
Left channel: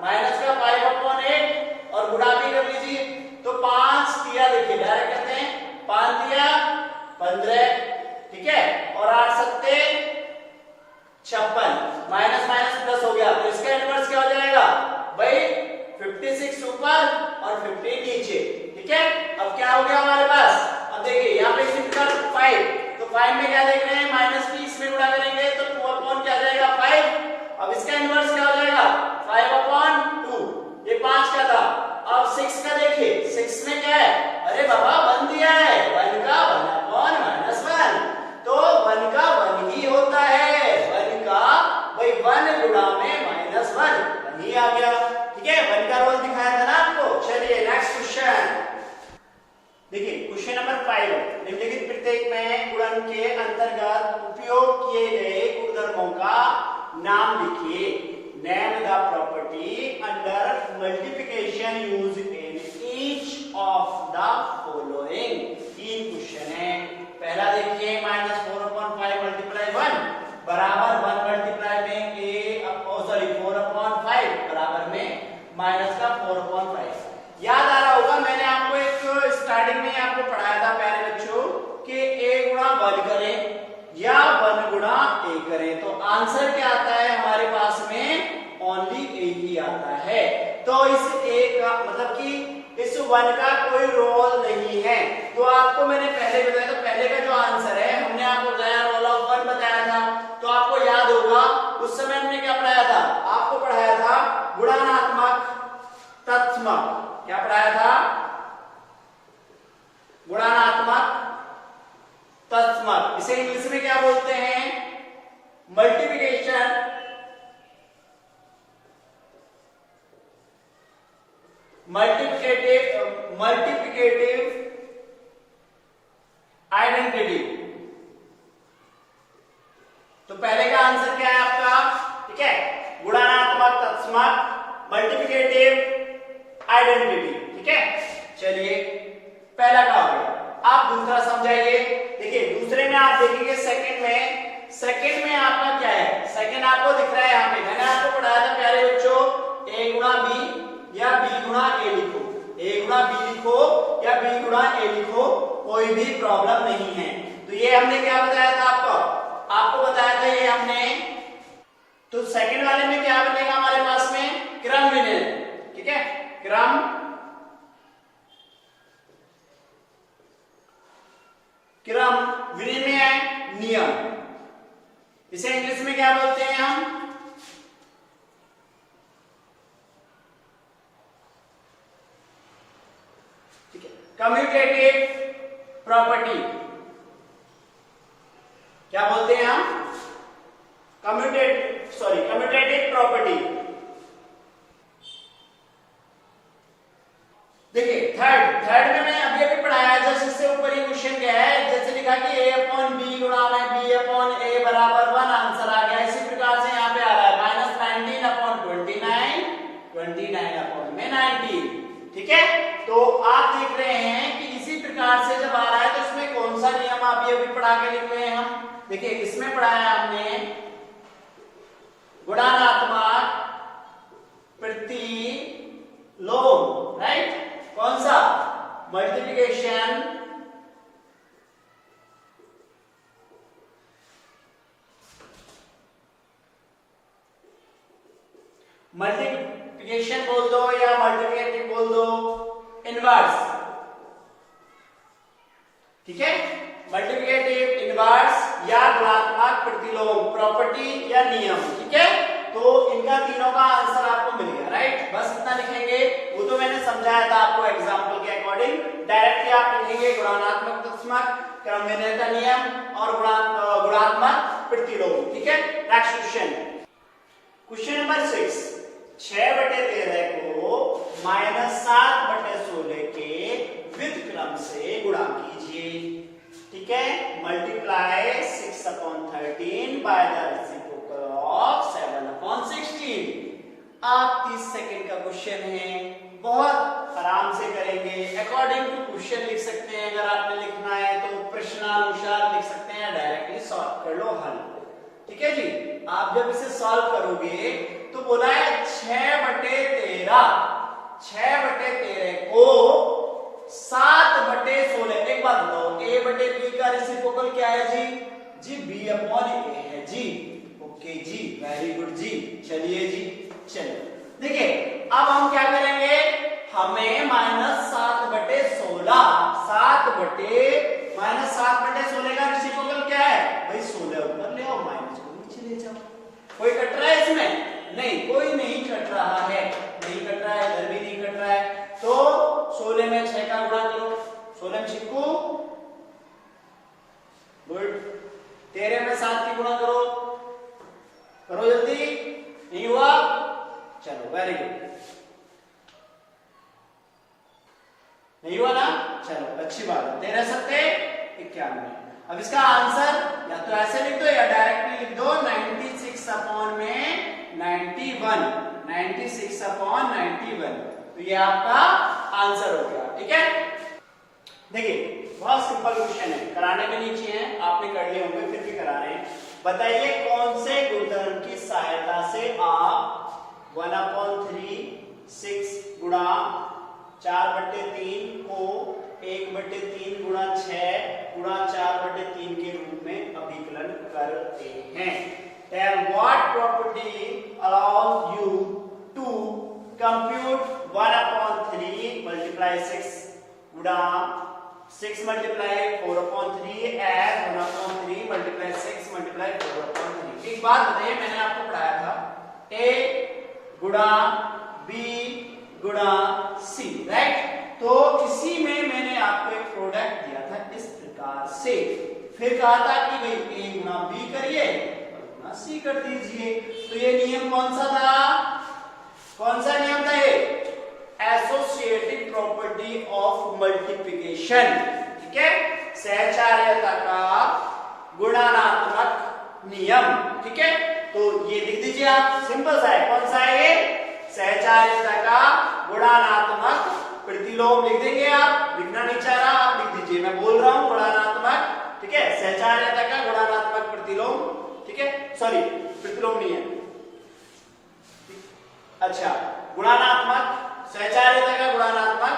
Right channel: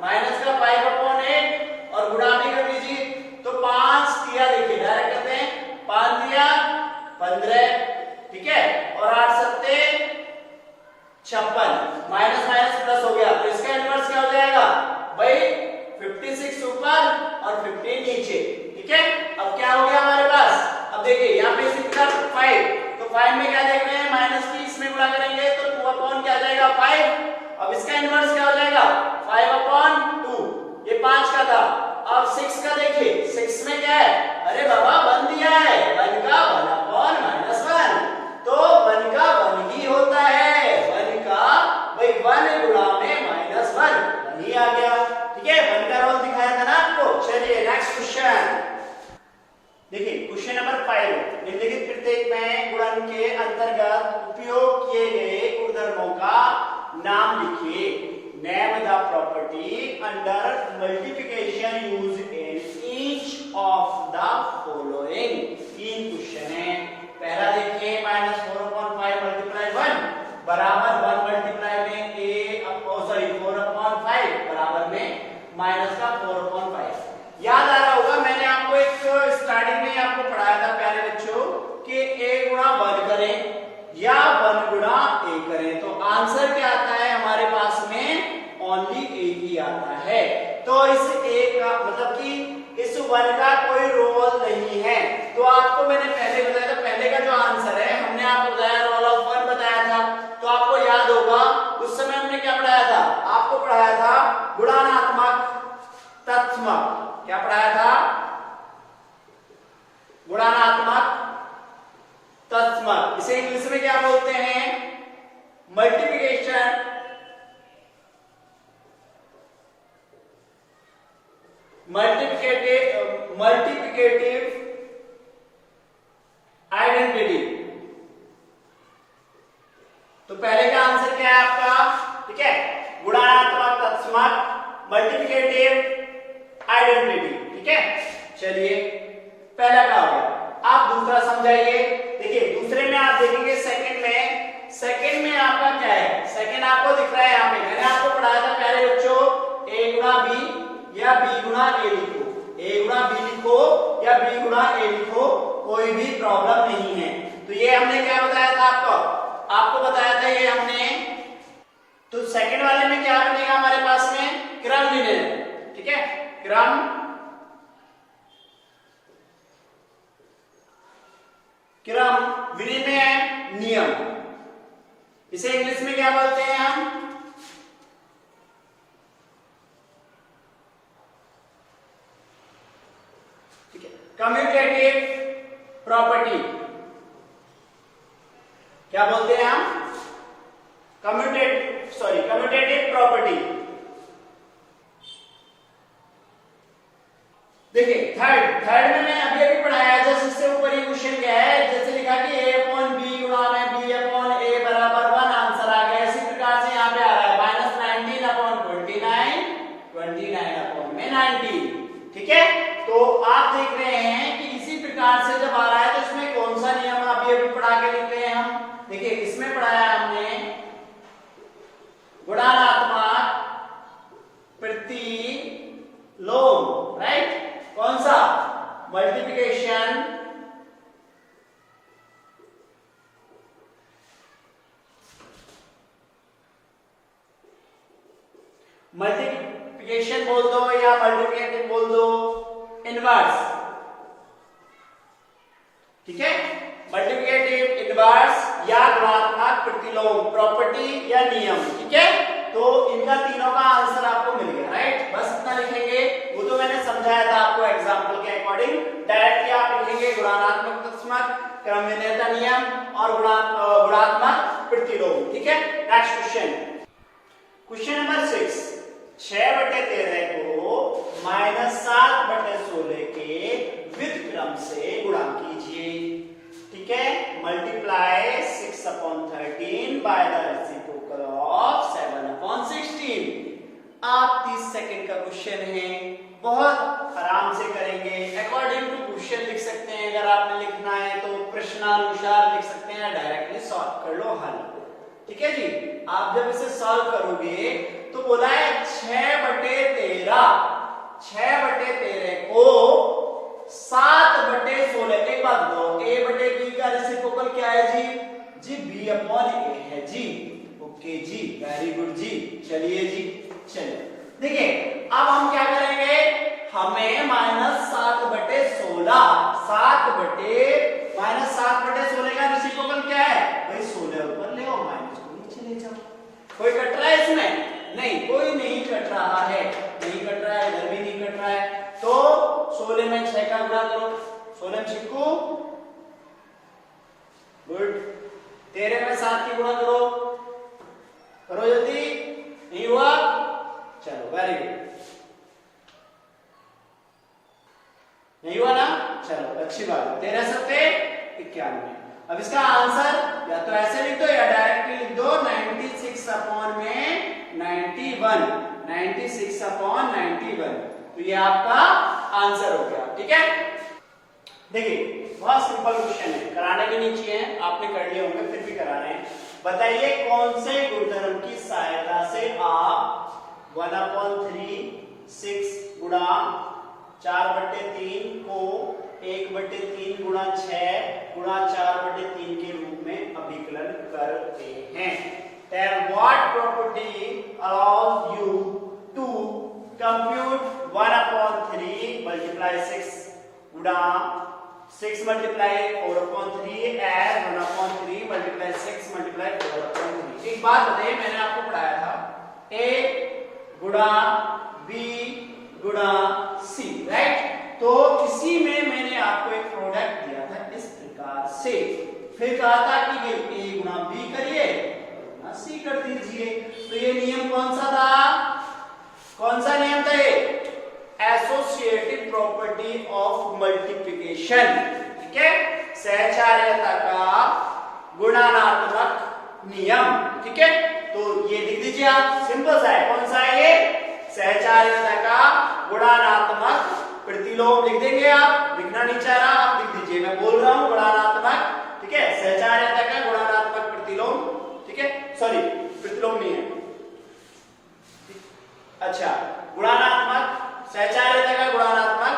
माइनस का 5/8 और गुणा भी कर लीजिए। तो 5 दिया, देखिए डायरेक्ट करते हैं 5 दिया 15, ठीक है, और 8 सत्ते 56, माइनस माइनस प्लस हो गया। तो इसका इनवर्स क्या हो जाएगा भाई 56 ऊपर और 15 नीचे। ठीक है, अब क्या हो गया हमारे पास, अब देखिए यहाँ पे इसी तरफ 5, तो 5 में क्या देख रहे हैं -30 में गुणा करेंगे तो 2/, क्या जाएगा 5। अब इसका इनवर्स क्या हो जाएगा 5/2, ये 5 का था। अब 6 का देखिए, 6 में क्या है, अरे बाबा 1 दिया है, 1 का 1/-1, तो किए गए गुणधर्मों का नाम लिखिए। Name the property under multiplication use in each of the following. 3 question है। पहला देखिए -4/5 मल्टीप्लाई 1 बराबर 1 मल्टीप्लाई में सॉरी 4/5 बराबर में माइनस का 4/5। याद आ रहा होगा मैंने आपको एक स्टार्टिंग में आपको पढ़ाया था प्यारे बच्चों कि a गुणा 1 करें या 1 गुणा a करें तो आंसर क्या आता है हमारे पास में ओनली a ही आता है। तो इस a का मतलब कि इस 1 का कोई रोल नहीं है। तो आपको मैंने पहले बताया था, पहले का जो आंसर है हमने आपको बताया रोल ऑफ 1 बताया था। तो आपको याद होगा उस समय हमने क्या पढ़ाया था, आपको पढ़ाया था गुणात्मक तत्समक। क्या पढ़ाया था? गुणात्मक तत्समक। इसे इंग्लिश में क्या बोलते हैं? Multiplication multiplicative identity. तो पहले का आंसर क्या है आपका? ठीक है, गुणात्मक तत्समक मल्टीप्लिकेटिव आइडेंटिटी। ठीक है, चलिए पहला क्या हो गया। आप दूसरा समझाइए। देखिए दूसरे में आप देखेंगे सेकंड में आपका क्या है? सेकंड आपको दिख रहा है यहाँ पे, मैंने आपको पढ़ाया था प्यारे बच्चों a गुणा b या b गुणा a लिखो, a गुणा b लिखो या b गुणा a लिखो, कोई भी प्रॉब्लम नहीं है। तो ये हमने क्या बताया था आपको बताया था ये हमने। तो सेकंड वाले में क्या बनेगा हमारे पास में? क्रम विनिमय। ठीक है, क्रम विनिमय नियम। इसे इंग्लिश में क्या बोलते हैं हम? ठीक है, कम्यूटेटिव प्रॉपर्टी। क्या बोलते हैं हम? Commutative property. देखिए थर्ड में मैंने अभी पढ़ाया है, जैसे इससे ऊपर ये क्वेश्चन क्या है, जैसे लिखा कि a/b गुणा में b/a बराबर 1 आंसर आ गया। इसी प्रकार से यहाँ पे आ रहा है -19/29 90। ठीक है, तो आप देख रहे हैं कि इसी प्रकार से जब आ रहा है तो इसमें कौन सा नियम अभी पढ़ा के लिख रहे हैं हम। देखिए इसमें पढ़ाया हमने गुणात्मक प्रतिलोम, राइट? कौन सा? मल्टीप्लिकेशन बोल दो या मल्टीप्लिकेटिव बोल दो, इनवर्स। ठीक है, मल्टीप्लिकेटिव, इनवर्स या गुणात्मक प्रतिलोम प्रॉपर्टी या नियम। ठीक है, तो इनका तीनों का आंसर आपको मिल गया, राइट? बस इतना लिखेंगे, वो तो मैंने समझाया था आपको एग्जांपल के अकॉर्डिंग। डायरेक्टली आप लिखेंगे गुणात्मक तत्समक, क्रम विनिमय नियम और गुणात्मक प्रतिलोम। ठीक है, नेक्स्ट क्वेश्चन नंबर 6। 6/13 को -7/16 के व्युत्क्रम से गुणा कीजिए। ठीक है, multiply 6/13 by the reciprocal of 7/16। आप 30 सेकंड का क्वेश्चन है, बहुत आराम से करेंगे। अकॉर्डिंग टू क्वेश्चन लिख सकते हैं, अगर आपने लिखना है तो प्रश्नानुसार लिख सकते हैं, डायरेक्टली सॉल्व कर लो हल। ठीक है जी, आप जब इसे सॉल्व करोगे तो बोला है 6/13 को 7/16। एक बात बताओ, a/b का रेसिप्रोकल क्या है जी? जी b/a है जी। ओके जी, वेरी गुड जी। चलिए जी, चलिए देखिए अब हम क्या करेंगे, हमें -7/16 -7/16 का रेसिप्रोकल क्या है भाई? 16 ऊपर ले और माइनस को नीचे ले जाओ। कोई कट रहा है इसमें? नहीं, कोई नहीं कट रहा है, नहीं कट रहा है, इधर भी नहीं कट रहा है। तो 16 में 6 का गुणा करो, 16 में 6 को गुड, 13 में 7 की गुणा करो, करो जल्दी। नहीं हुआ? चलो वेरी गुड, नहीं हुआ ना? चलो अच्छी बात है। 13 7 51, 91। अब इसका आंसर या तो ऐसे लिख दो या डायरेक्टली लिख दो 96 अपॉन में 91, 96 अपॉन 91। तो ये आपका आंसर हो गया। ठीक है, देखिए बहुत सिंपल क्वेश्चन है, कराने के नीचे है, आपने कर लिए होंगे फिर भी करा रहे हैं। बताइए कौन से गुणधर्म की सहायता से आप 1/3 6 गुणा 4/3 को 1/3 गुणा 6 गुणा 4/3 के रूप में अभिकलन करते हैं। Then what property allows you to compute 1/3 multiply 6 गुणा 6 multiply 4/3 as 1/3 multiply 6 multiply 4/3। एक बात बताइए, मैंने आपको पढ़ाया था a गुणा b गुणा c, राइट? तो इसी में मैंने आपको एक प्रोडक्ट दिया था इस प्रकार से, फिर कहा था कि a गुणा b करिए और गुणा c कर दीजिए। तो ये नियम कौन सा था? कौन सा नियम था ये? Associative property of multiplication. ठीक है, सहचार्यता का गुणात्मक नियम। ठीक है, तो ये लिख दीजिए आप, सिंपल सा है। कौन सा है ये? सहचार्यता का गुणात्मक प्रतिलोम लिख देंगे आप, लिखना नहीं चाह रहा आप लिख दीजिए, मैं बोल रहा हूं गुणात्मक। ठीक है, सहचार्यता का गुणात्मक प्रतिलोम। ठीक है, सॉरी प्रतिलोम नहीं है, अच्छा गुणात्मक, सहचार्यता का गुणात्मक।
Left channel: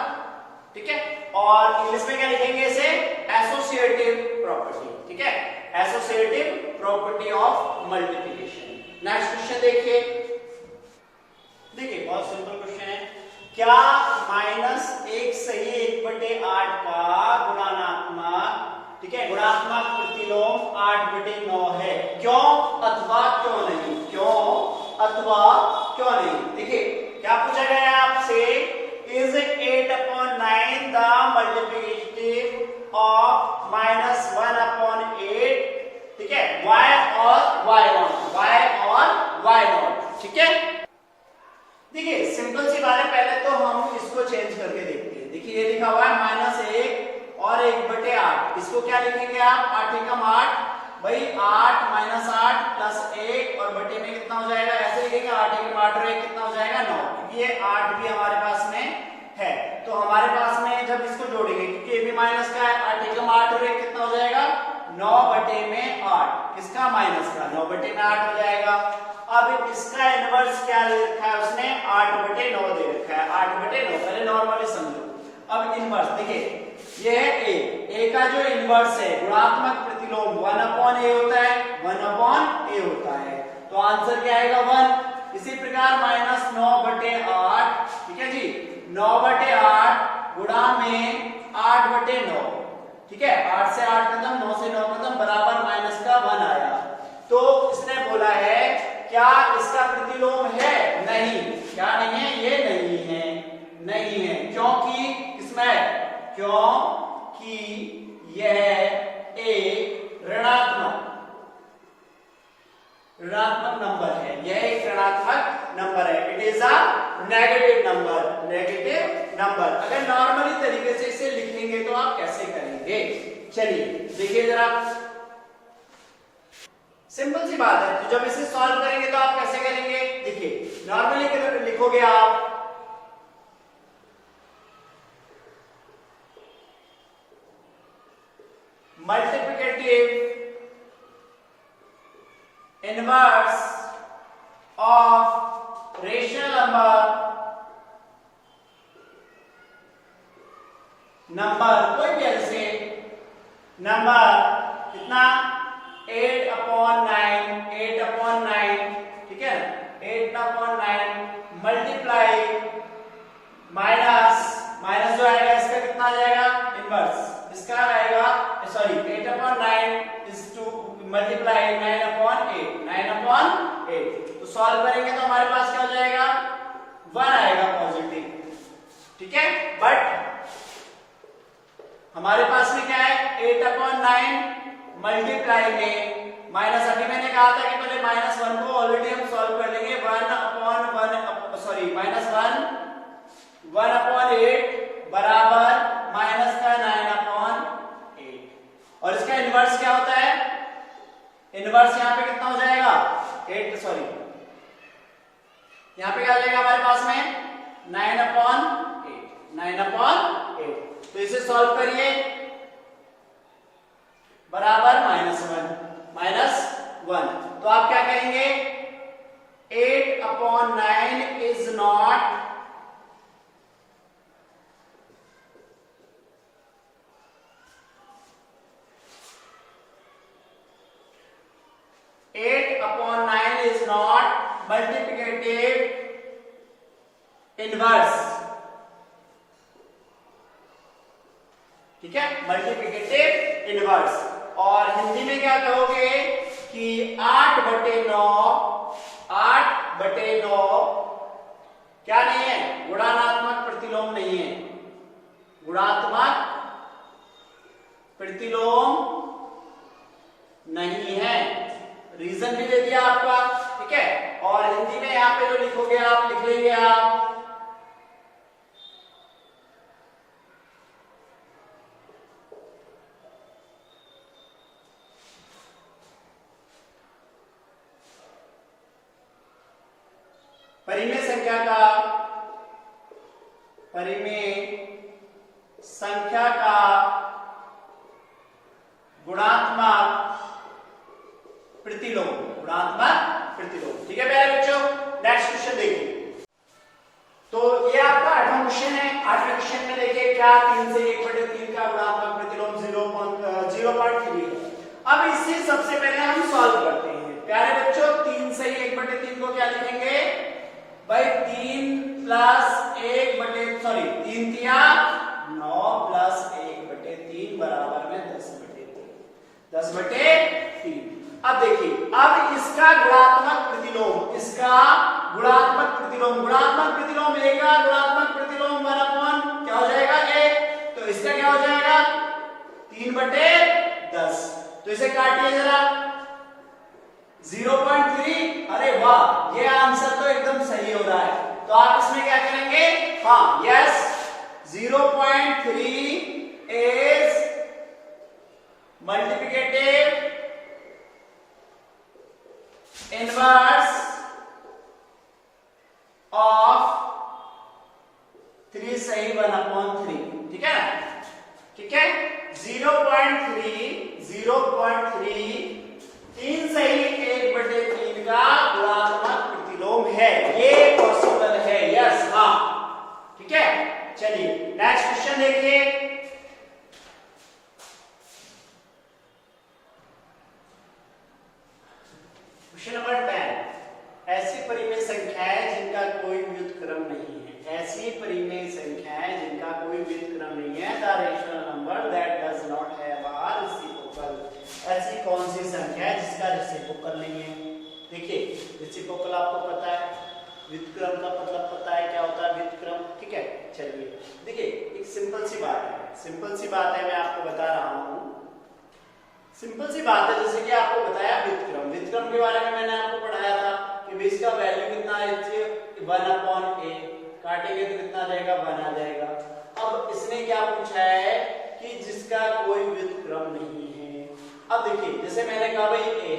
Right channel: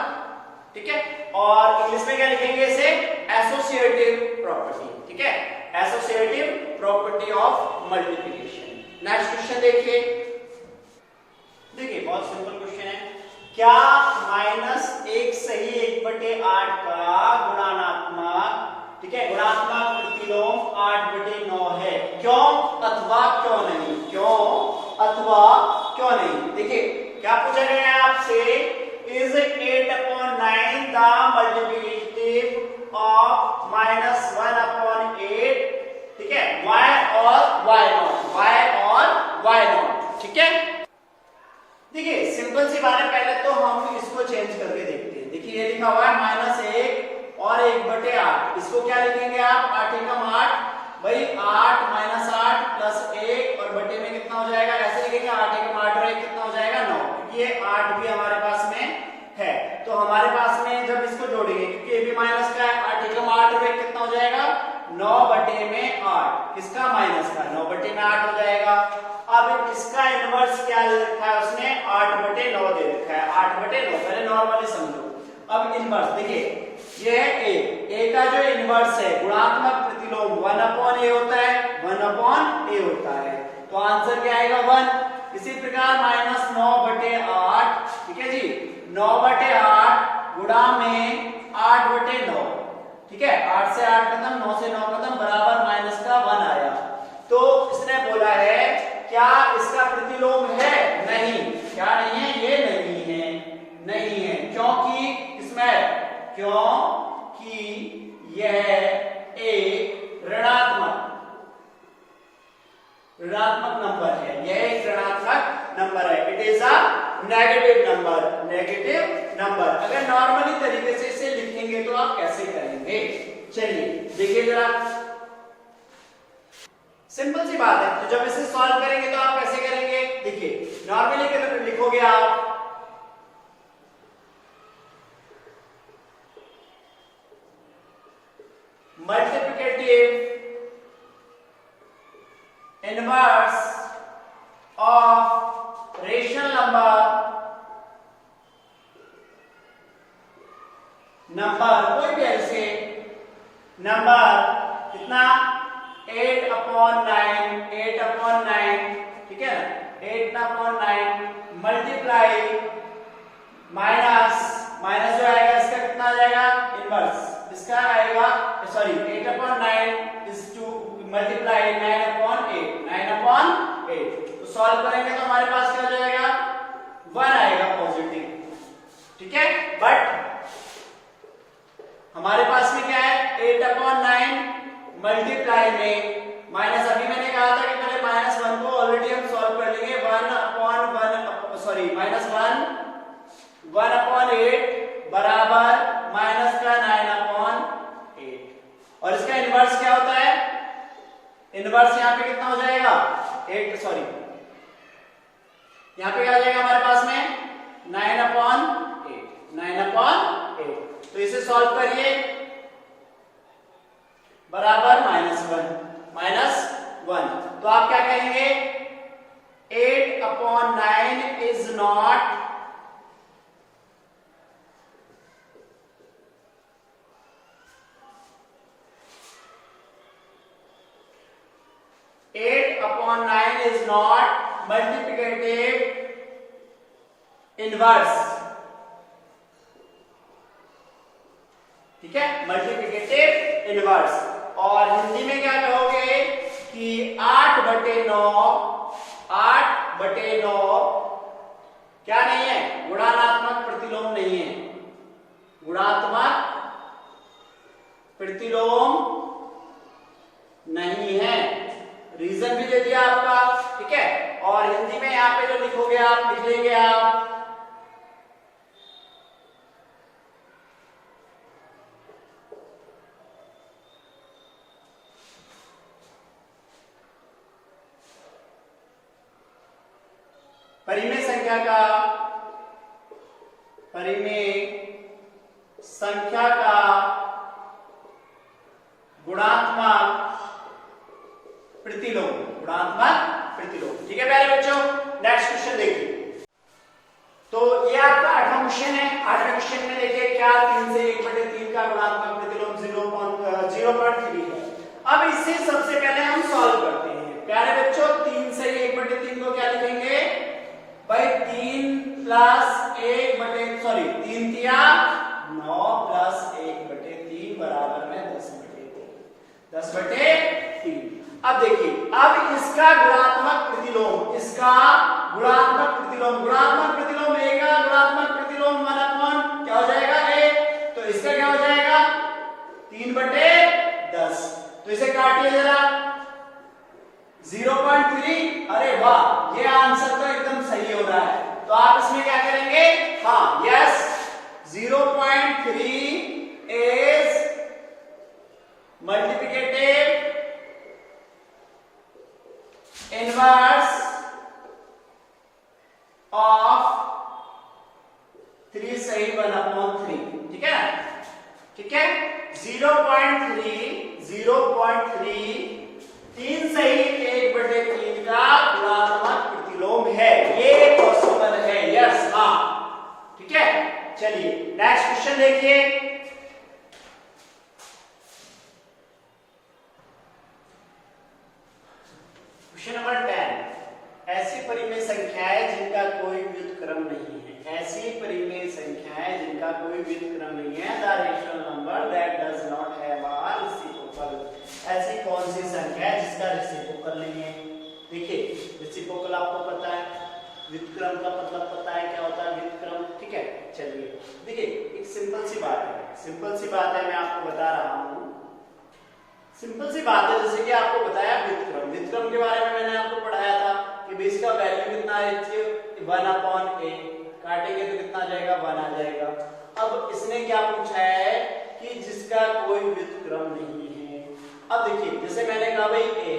ठीक है, और इंग्लिश में क्या लिखेंगे इसे? Associative property. ठीक है, associative property of multiplication. Next question देखिए, देखिए बहुत सिंपल क्वेश्चन है। क्या -1 सही 1/8 का गुणात्मक, ठीक है, गुणात्मक प्रतिलोम 8/9 है? क्यों अथवा क्यों नहीं? क्यों अथवा क्यों नहीं? देखिए क्या पूछा गया है आपसे, इज 8/9 द मल्टीप्लिकेटिव ऑफ -1/8? ठीक है, y और y नॉट, y और y नॉट। ठीक है, देखिए सिंपल सी बात है, पहले तो हम इसको चेंज करके देखते हैं। देखिए ये लिखा हुआ है -1 और 1/8, इसको क्या लिखेंगे आप? 8 एकम 8, भाई 8 -8 प्लस 1 और बटे में कितना हो जाएगा? ऐसे लिखेंगे 8 एकम 8 और 1 कितना हो जाएगा? 9, क्योंकि ये 8 भी हमारे पास में है। तो हमारे पास में जब इसको जोड़ेंगे, क्योंकि ये भी माइनस का है, 8 एकम 8 और 1 कितना हो जाएगा? 9/8। किसका? माइनस का। 9/8 हो जाएगा। अब इसका इनवर्स क्या रखा है उसने? 8/9 दे रखा है, 8/9। पहले नॉर्मली समझो। अब इनवर्स देखिए, ये है a का जो इनवर्स है गुणात्मक प्रतिलोम 1/a होता है, 1/a होता है। तो आंसर क्या आएगा? 1। इसी प्रकार -9/8, ठीक है जी, 9/8 गुणा में 8/9। ठीक है, 8 से 8 खत्म, 9 से 9 खत्म, बराबर माइनस का 1 आया। तो इसने बोला है क्या इसका प्रतिलोम है? नहीं। क्या नहीं है? ये नहीं है, नहीं है। क्योंकि इसमें, क्योंकि यह एक ऋणात्मक नंबर है, यह एक ऋणात्मक नंबर है। It is a negative number, negative number. अगर नॉर्मली तरीके से इसे लिखेंगे तो आप कैसे करेंगे? चलिए देखिए जरा, सिंपल सी बात है। तो जब इसे सॉल्व करेंगे तो आप कैसे करेंगे? देखिए नॉर्मली लिखोगे आप multiplicative inverse of rational number कोई भी ऐसे नंबर कितना? 8/9, ठीक है, 8/9 मल्टीप्लाई माइनस जो आएगा इसका कितना आ जाएगा? इनवर्स इसका आएगा, सॉरी 8/9 इज टू मल्टीप्लाई 9/8। तो सॉल्व करेंगे तो हमारे पास क्या हो जाएगा? 1 आएगा पॉजिटिव। ठीक है, बट हमारे पास में क्या है? 8/9 मल्टीप्लाई में माइनस, अभी मैंने कहा था कि पहले -1 को ऑलरेडी हम सॉल्व कर लेंगे। 1/1, सॉरी -1 1/8 बराबर माइनस का 9/8 और इसका इनवर्स क्या होता है? इनवर्स यहाँ पे कितना हो जाएगा? 8 सॉरी यहाँ पे क्या हो जाएगा हमारे पास में 9/8 तो इसे सॉल्व करिए बराबर -1 तो आप क्या कहेंगे? 8/9 इज नॉट multiplicative inverse, ठीक है, मल्टीप्लिकेटिव इनवर्स। और हिंदी में क्या कहोगे कि 8/9 क्या नहीं है? गुणात्मक प्रतिलोम नहीं है, गुणात्मक प्रतिलोम नहीं है। रीजन भी दे दिया आपका, ठीक है। और हिंदी में यहाँ पे जो लिखोगे आप, लिख लेंगे आप परिमेय संख्या का गुणात्मक प्रतिलोम, ठीक है प्यारे बच्चों। नेक्स्ट क्वेश्चन देखिए। तो ये आपका 8वां क्वेश्चन है। 8वें क्वेश्चन में देखिए क्या 3 से 1/3 का गुणात्मक प्रतिलोम 0.3 है। अब इससे सबसे पहले हम सॉल्व करते हैं प्यारे बच्चों। 3 से 1/3 को क्या लिखेंगे भाई? 3 तिया 9 प्लस 1/3 बराबर में 10/3। 10/3। अब देखिए, अब इसका गुणात्मक प्रतिलोम ए का गुणात्मक प्रतिलोम 1/, क्या हो जाएगा? a। तो इसका क्या हो जाएगा? 3/10। तो इसे काटिए जरा 0.3। अरे वाह, ये आंसर तो एकदम सही हो रहा है। तो आप इसमें क्या करेंगे? हाँ, yes, 0.3 is multiplicative inverse of 3 सही 1/3, ठीक है, ठीक है। 0.3 3 सही 1/3 का गुणात्मक प्रतिलोम है, ये पॉसिबल है, यस, हाँ, ठीक है। चलिए नेक्स्ट क्वेश्चन देखिए। Question number 10। ऐसी परिमेय संख्याएं जिनका कोई व्युत्क्रम नहीं है। ऐसी परिमेय संख्याएं जिनका कोई व्युत्क्रम नहीं है। The rational number that does not have a reciprocal. ऐसी कौन सी संख्या है जिसका रेसिप्रोकल नहीं है? देखिए, रेसिप्रोकल आपको पता है, व्युत्क्रम का मतलब पता है क्या होता है व्युत्क्रम, ठीक है। चलिए देखिए, एक सिंपल सी बात है, मैं आपको बता रहा हूं। सिंपल सी बात है, जैसे कि आपको बताया व्युत्क्रम के बारे में मैंने आपको पढ़ाया था कि बेस का वैल्यू कितना है? 1/a। काटेंगे तो कितना आ जाएगा? 1 आ जाएगा। अब इसने क्या पूछा है कि जिसका कोई व्युत्क्रम नहीं है। अब देखिए, जैसे मैंने कहा भाई a है,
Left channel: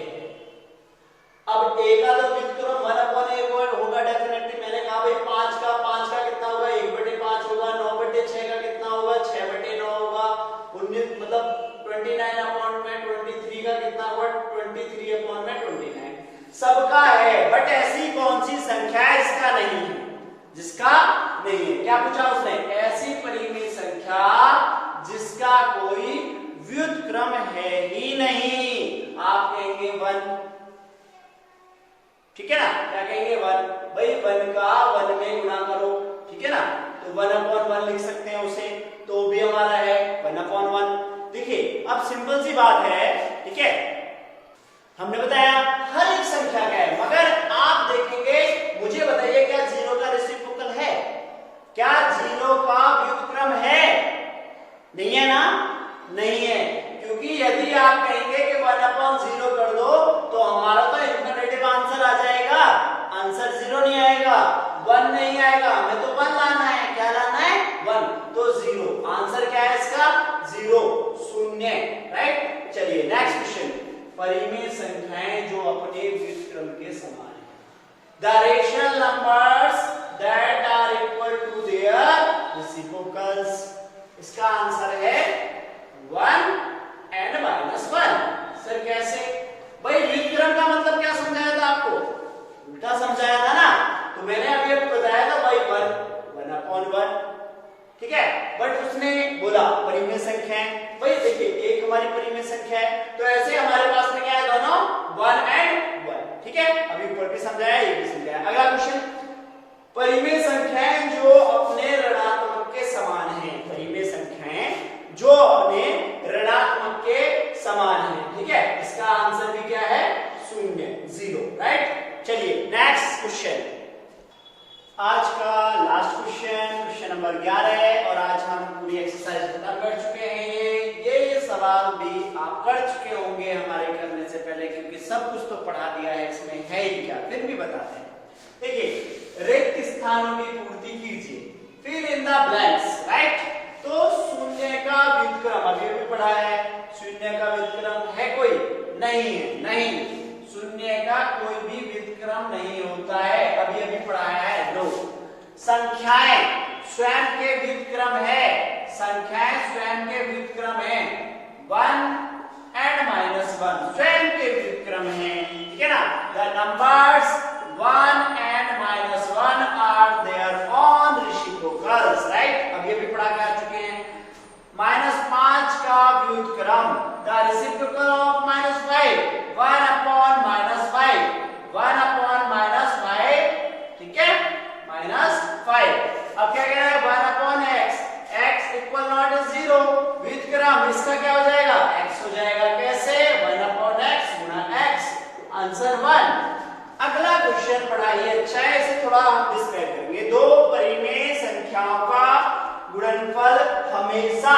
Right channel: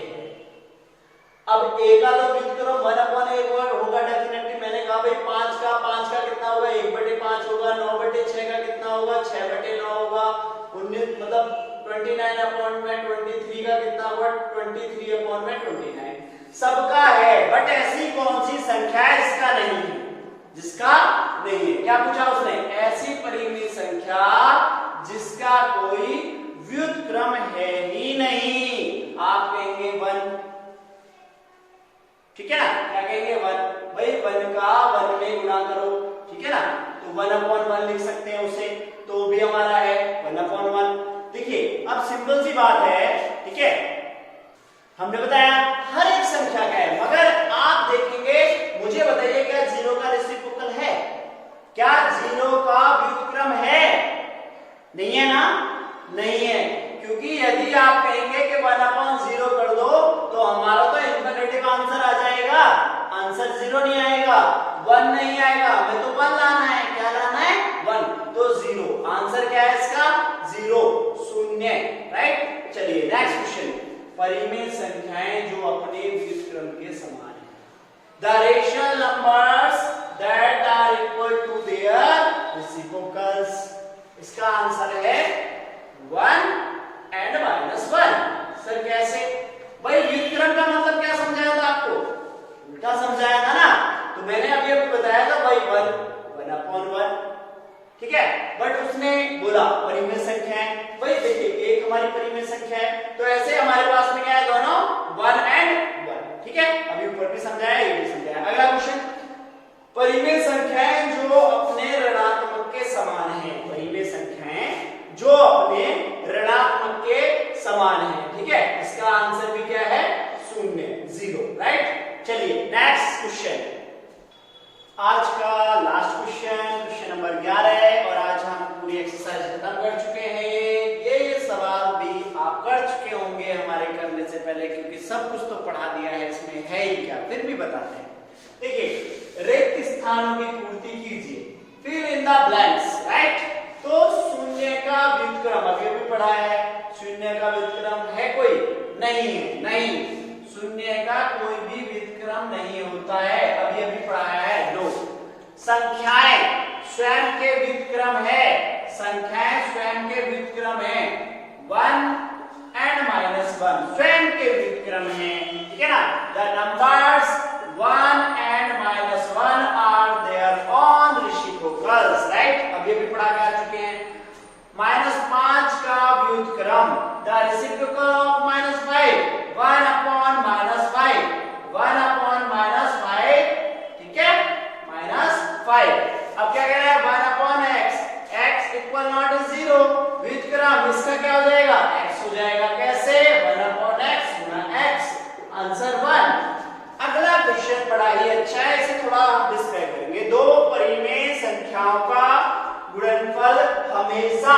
अब a का तो व्युत्क्रम 1/a होगा डेफिनेटली। मैंने कहा भाई 5 का कितना होगा? 1/5 होगा। 9/6 का कितना होगा? 6/9 होगा। 19 मतलब 29/23 का कितना होगा? 23/29 सबका है। बट ऐसी कौन सी संख्या है इसका नहीं है? जिसका नहीं है। क्या पूछा उसने? ऐसी परिमेय संख्या जिसका कोई व्युत्क्रम है ही नहीं। आप कहेंगे 1, ठीक है ना? क्या कहेंगे? 1। भाई 1 का 1 में गुणा करो, ठीक है ना? तो 1/1 लिख सकते हैं उसे, तो भी हमारा है 1/1। देखिए, अब सिंपल सी बात है, ठीक है, हमने बताया हर एक संख्या का है, मगर आप देखेंगे, मुझे बताइए क्या 0 का रेसिप्रोकल है? क्या 0 का व्युत्क्रम है? नहीं है ना? नहीं है, क्योंकि यदि आप कहेंगे कि 1/0 कर दो तो हमारा तो इनफिनिटिव आंसर आ जाएगा, आंसर 0 नहीं आएगा, 1 नहीं आएगा। हमें तो 1 लाना है। क्या लाना है? 1। तो 0 आंसर क्या है इसका? 0, शून्य, राइट। परिमेय संख्याएं जो अपने व्युत्क्रम के समान है। The rational numbers that are equal to their reciprocals. इसका आंसर है 1 एंड -1। सर कैसे? भाई व्युत्क्रम का मतलब क्या समझाया था आपको? उल्टा समझाया था ना। तो मैंने अभी आपको बताया था भाई 1/1, ठीक है। बट उसने बोला परिमेय संख्या है। भाई देखिए एक हमारी परिमेय संख्या है, तो ऐसे हमारे पास में क्या है, दोनों 1 एंड 1, ठीक है। अभी ऊपर भी समझाया, ये भी समझाया। अगला क्वेश्चन, परिमेय संख्याएं जो अपने ऋणात्मक के समान है। परिमेय संख्याएं जो अपने ऋणात्मक के समान है, ठीक है। इसका आंसर भी क्या है? 0, राइट। चलिए नेक्स्ट क्वेश्चन, आज का लास्ट क्वेश्चन नंबर 11 है। और आज हम पूरी एक्सरसाइज खत्म कर चुके हैं। ये सवाल भी आप कर चुके होंगे हमारे करने से पहले, क्योंकि सब कुछ तो पढ़ा दिया है, इसमें है ही क्या, फिर भी बताते हैं। देखिए रिक्त स्थानों की पूर्ति कीजिए, fill in the blanks, right. तो शून्य का व्युत्क्रम अभी भी पढ़ा है। शून्य का व्युत्क्रम है कोई? नहीं है, नहीं। शून्य का कोई भी व्युत्क्रम नहीं होता है, अभी अभी पढ़ाया है। 2 संख्याएं स्वयं के व्युत्क्रम है। संख्याएं स्वयं के व्युत्क्रम है। 1 एंड -1 स्वयं के व्युत्क्रम है, ठीक है ना। The numbers 1 and -1 are their own reciprocals, right. अभी अभी पढ़ा कर चुके हैं। -5 का व्युत्क्रम, द रेसिप्रोकल ऑफ -5, 1/-5, 1/-5, ठीक है, -5। अब क्या कह रहा है? 1/x, x equal not 0। व्युत्क्रम इसका क्या हो जाएगा? x हो जाएगा। कैसे? 1/x गुना x, आंसर 1। अगला क्वेश्चन पढ़ा ही अच्छा है, इसे थोड़ा हम डिस्कस करेंगे। 2 परिमेय संख्याओं का गुणनफल हमेशा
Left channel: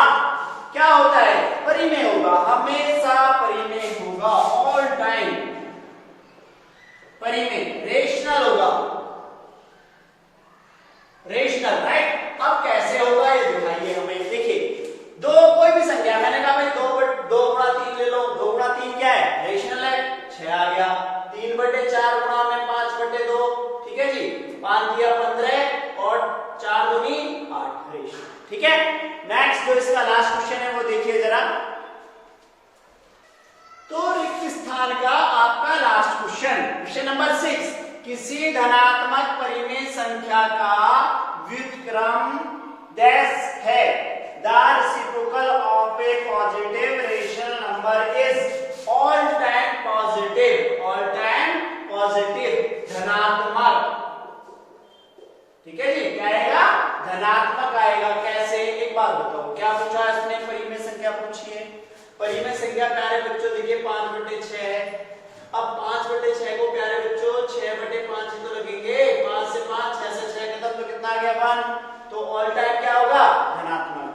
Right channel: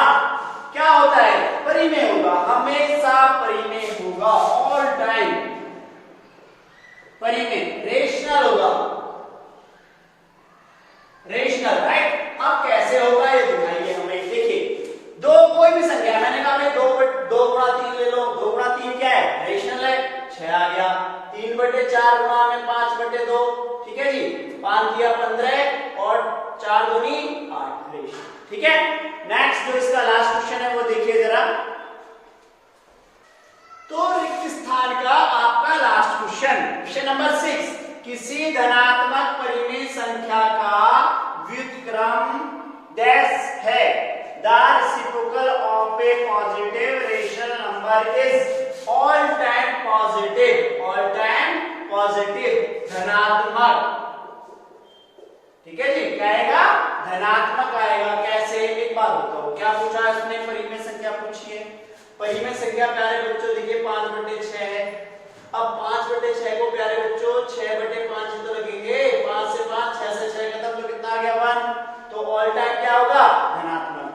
क्या होता है? परिमेय होगा, हमेशा परिमेय होगा, ऑल टाइम परिमेय, रेशनल होगा, रेशनल, राइट। अब कैसे होगा ये दिखाइए हमें। देखिए 2 कोई भी संख्या, मैंने कहा भाई 2 गुणा 3 ले लो। 2 गुणा 3 क्या है? रेशनल है, 6 आ गया। 3/4 गुणा में 5/2, ठीक है जी। 5 दिया 15 और 4 दूनी 8, रेशनल, ठीक है। नेक्स्ट जो इसका लास्ट क्वेश्चन है वो देखिए जरा। तो रिक्त स्थान का आपका लास्ट क्वेश्चन नंबर 6, किसी धनात्मक परिमेय संख्या का व्युत्क्रम डैश है। The reciprocal of A positive rational number is all time positive, all time positive, धनात्मक, ठीक है जी। क्या आएगा? धनात्मक आएगा। कैसे? एक बात बताओ, क्या पूछा इसने? परिमेय संख्या पूछी है। परिमेय संख्या प्यारे बच्चों देखिए 5/6 है। अब 5/6 को प्यारे बच्चों 6/5 तो लगेंगे। 5 से 5, 6 से 6 खत्म, तो कितना आ गया? 1। तो ऑल टाइम क्या होगा? धनात्मक।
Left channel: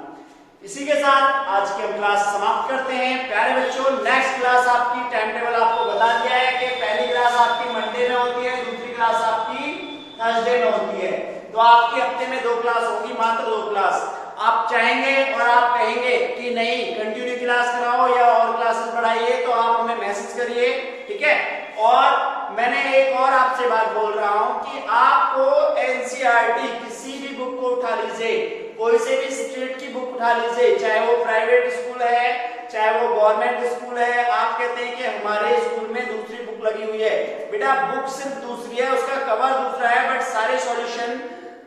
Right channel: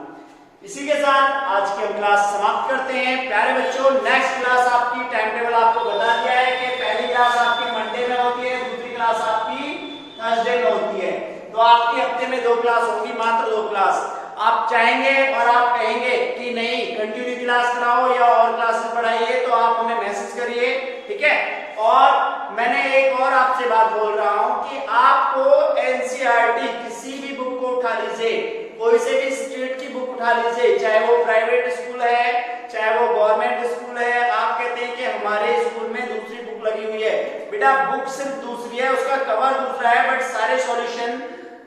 इसी के साथ आज की हम क्लास समाप्त करते हैं। प्यारे बच्चों नेक्स्ट क्लास आपकी टाइम टेबल आपको बता दिया है कि पहली क्लास आपकी मंडे में होती है, दूसरी क्लास आपकी थर्सडे में होती है। तो आपके हफ्ते में 2 क्लास होंगी, मात्र 2 क्लास। आप चाहेंगे और आप कहेंगे कि नहीं कंटिन्यू क्लास कराओ या और क्लासेस बढ़ाइए, तो आप हमें मैसेज करिए, ठीक है। और मैंने एक और आपसे बात बोल रहा हूं कि आपको एनसीईआरटी किसी भी बुक को उठा लीजिए, कोई से भी स्टेट की बुक उठा लीजिए, चाहे वो प्राइवेट स्कूल है चाहे वो गवर्नमेंट स्कूल है। आप कहते हैं कि हमारे स्कूल में दूसरी बुक लगी हुई है, बेटा बुक सिर्फ दूसरी है, उसका कवर दूसरा है, बट सारे सॉल्यूशन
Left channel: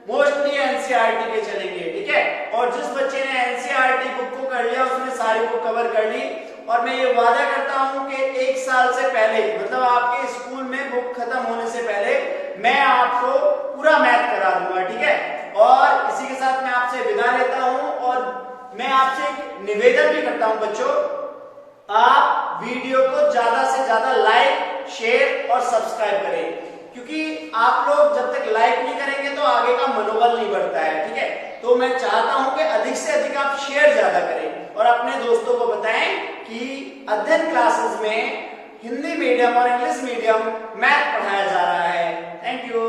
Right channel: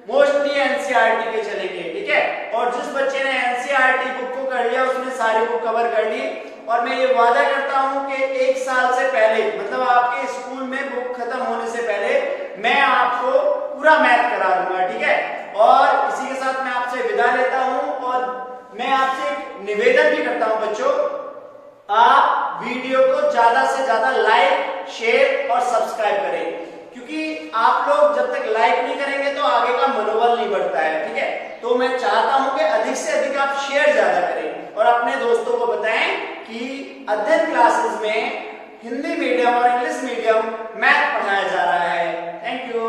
मोस्टली एनसीईआरटी के चलेंगे, ठीक है। और जिस बच्चे ने एनसीईआरटी बुक को कर लिया उसने सारी बुक कवर कर ली। और मैं ये वादा करता हूं कि 1 साल से पहले, मतलब आपके स्कूल में बुक खत्म होने से पहले, मैं आपको पूरा मैथ करा दूंगा, ठीक है। और इसी के साथ मैं आपसे विदा लेता हूं और मैं आपसे एक निवेदन भी करता हूं बच्चों, आप वीडियो को ज्यादा से ज्यादा लाइक, शेयर और सब्सक्राइब करें, क्योंकि आप लोग जब तक लाइक नहीं करेंगे तो आगे का मनोबल नहीं बढ़ता है, ठीक है। तो मैं चाहता हूं कि अधिक से अधिक आप शेयर ज्यादा करें और अपने दोस्तों को बताएं कि अध्ययन क्लासेस में हिंदी मीडियम और इंग्लिश मीडियम मैथ पढ़ाया जा रहा है। Thank you.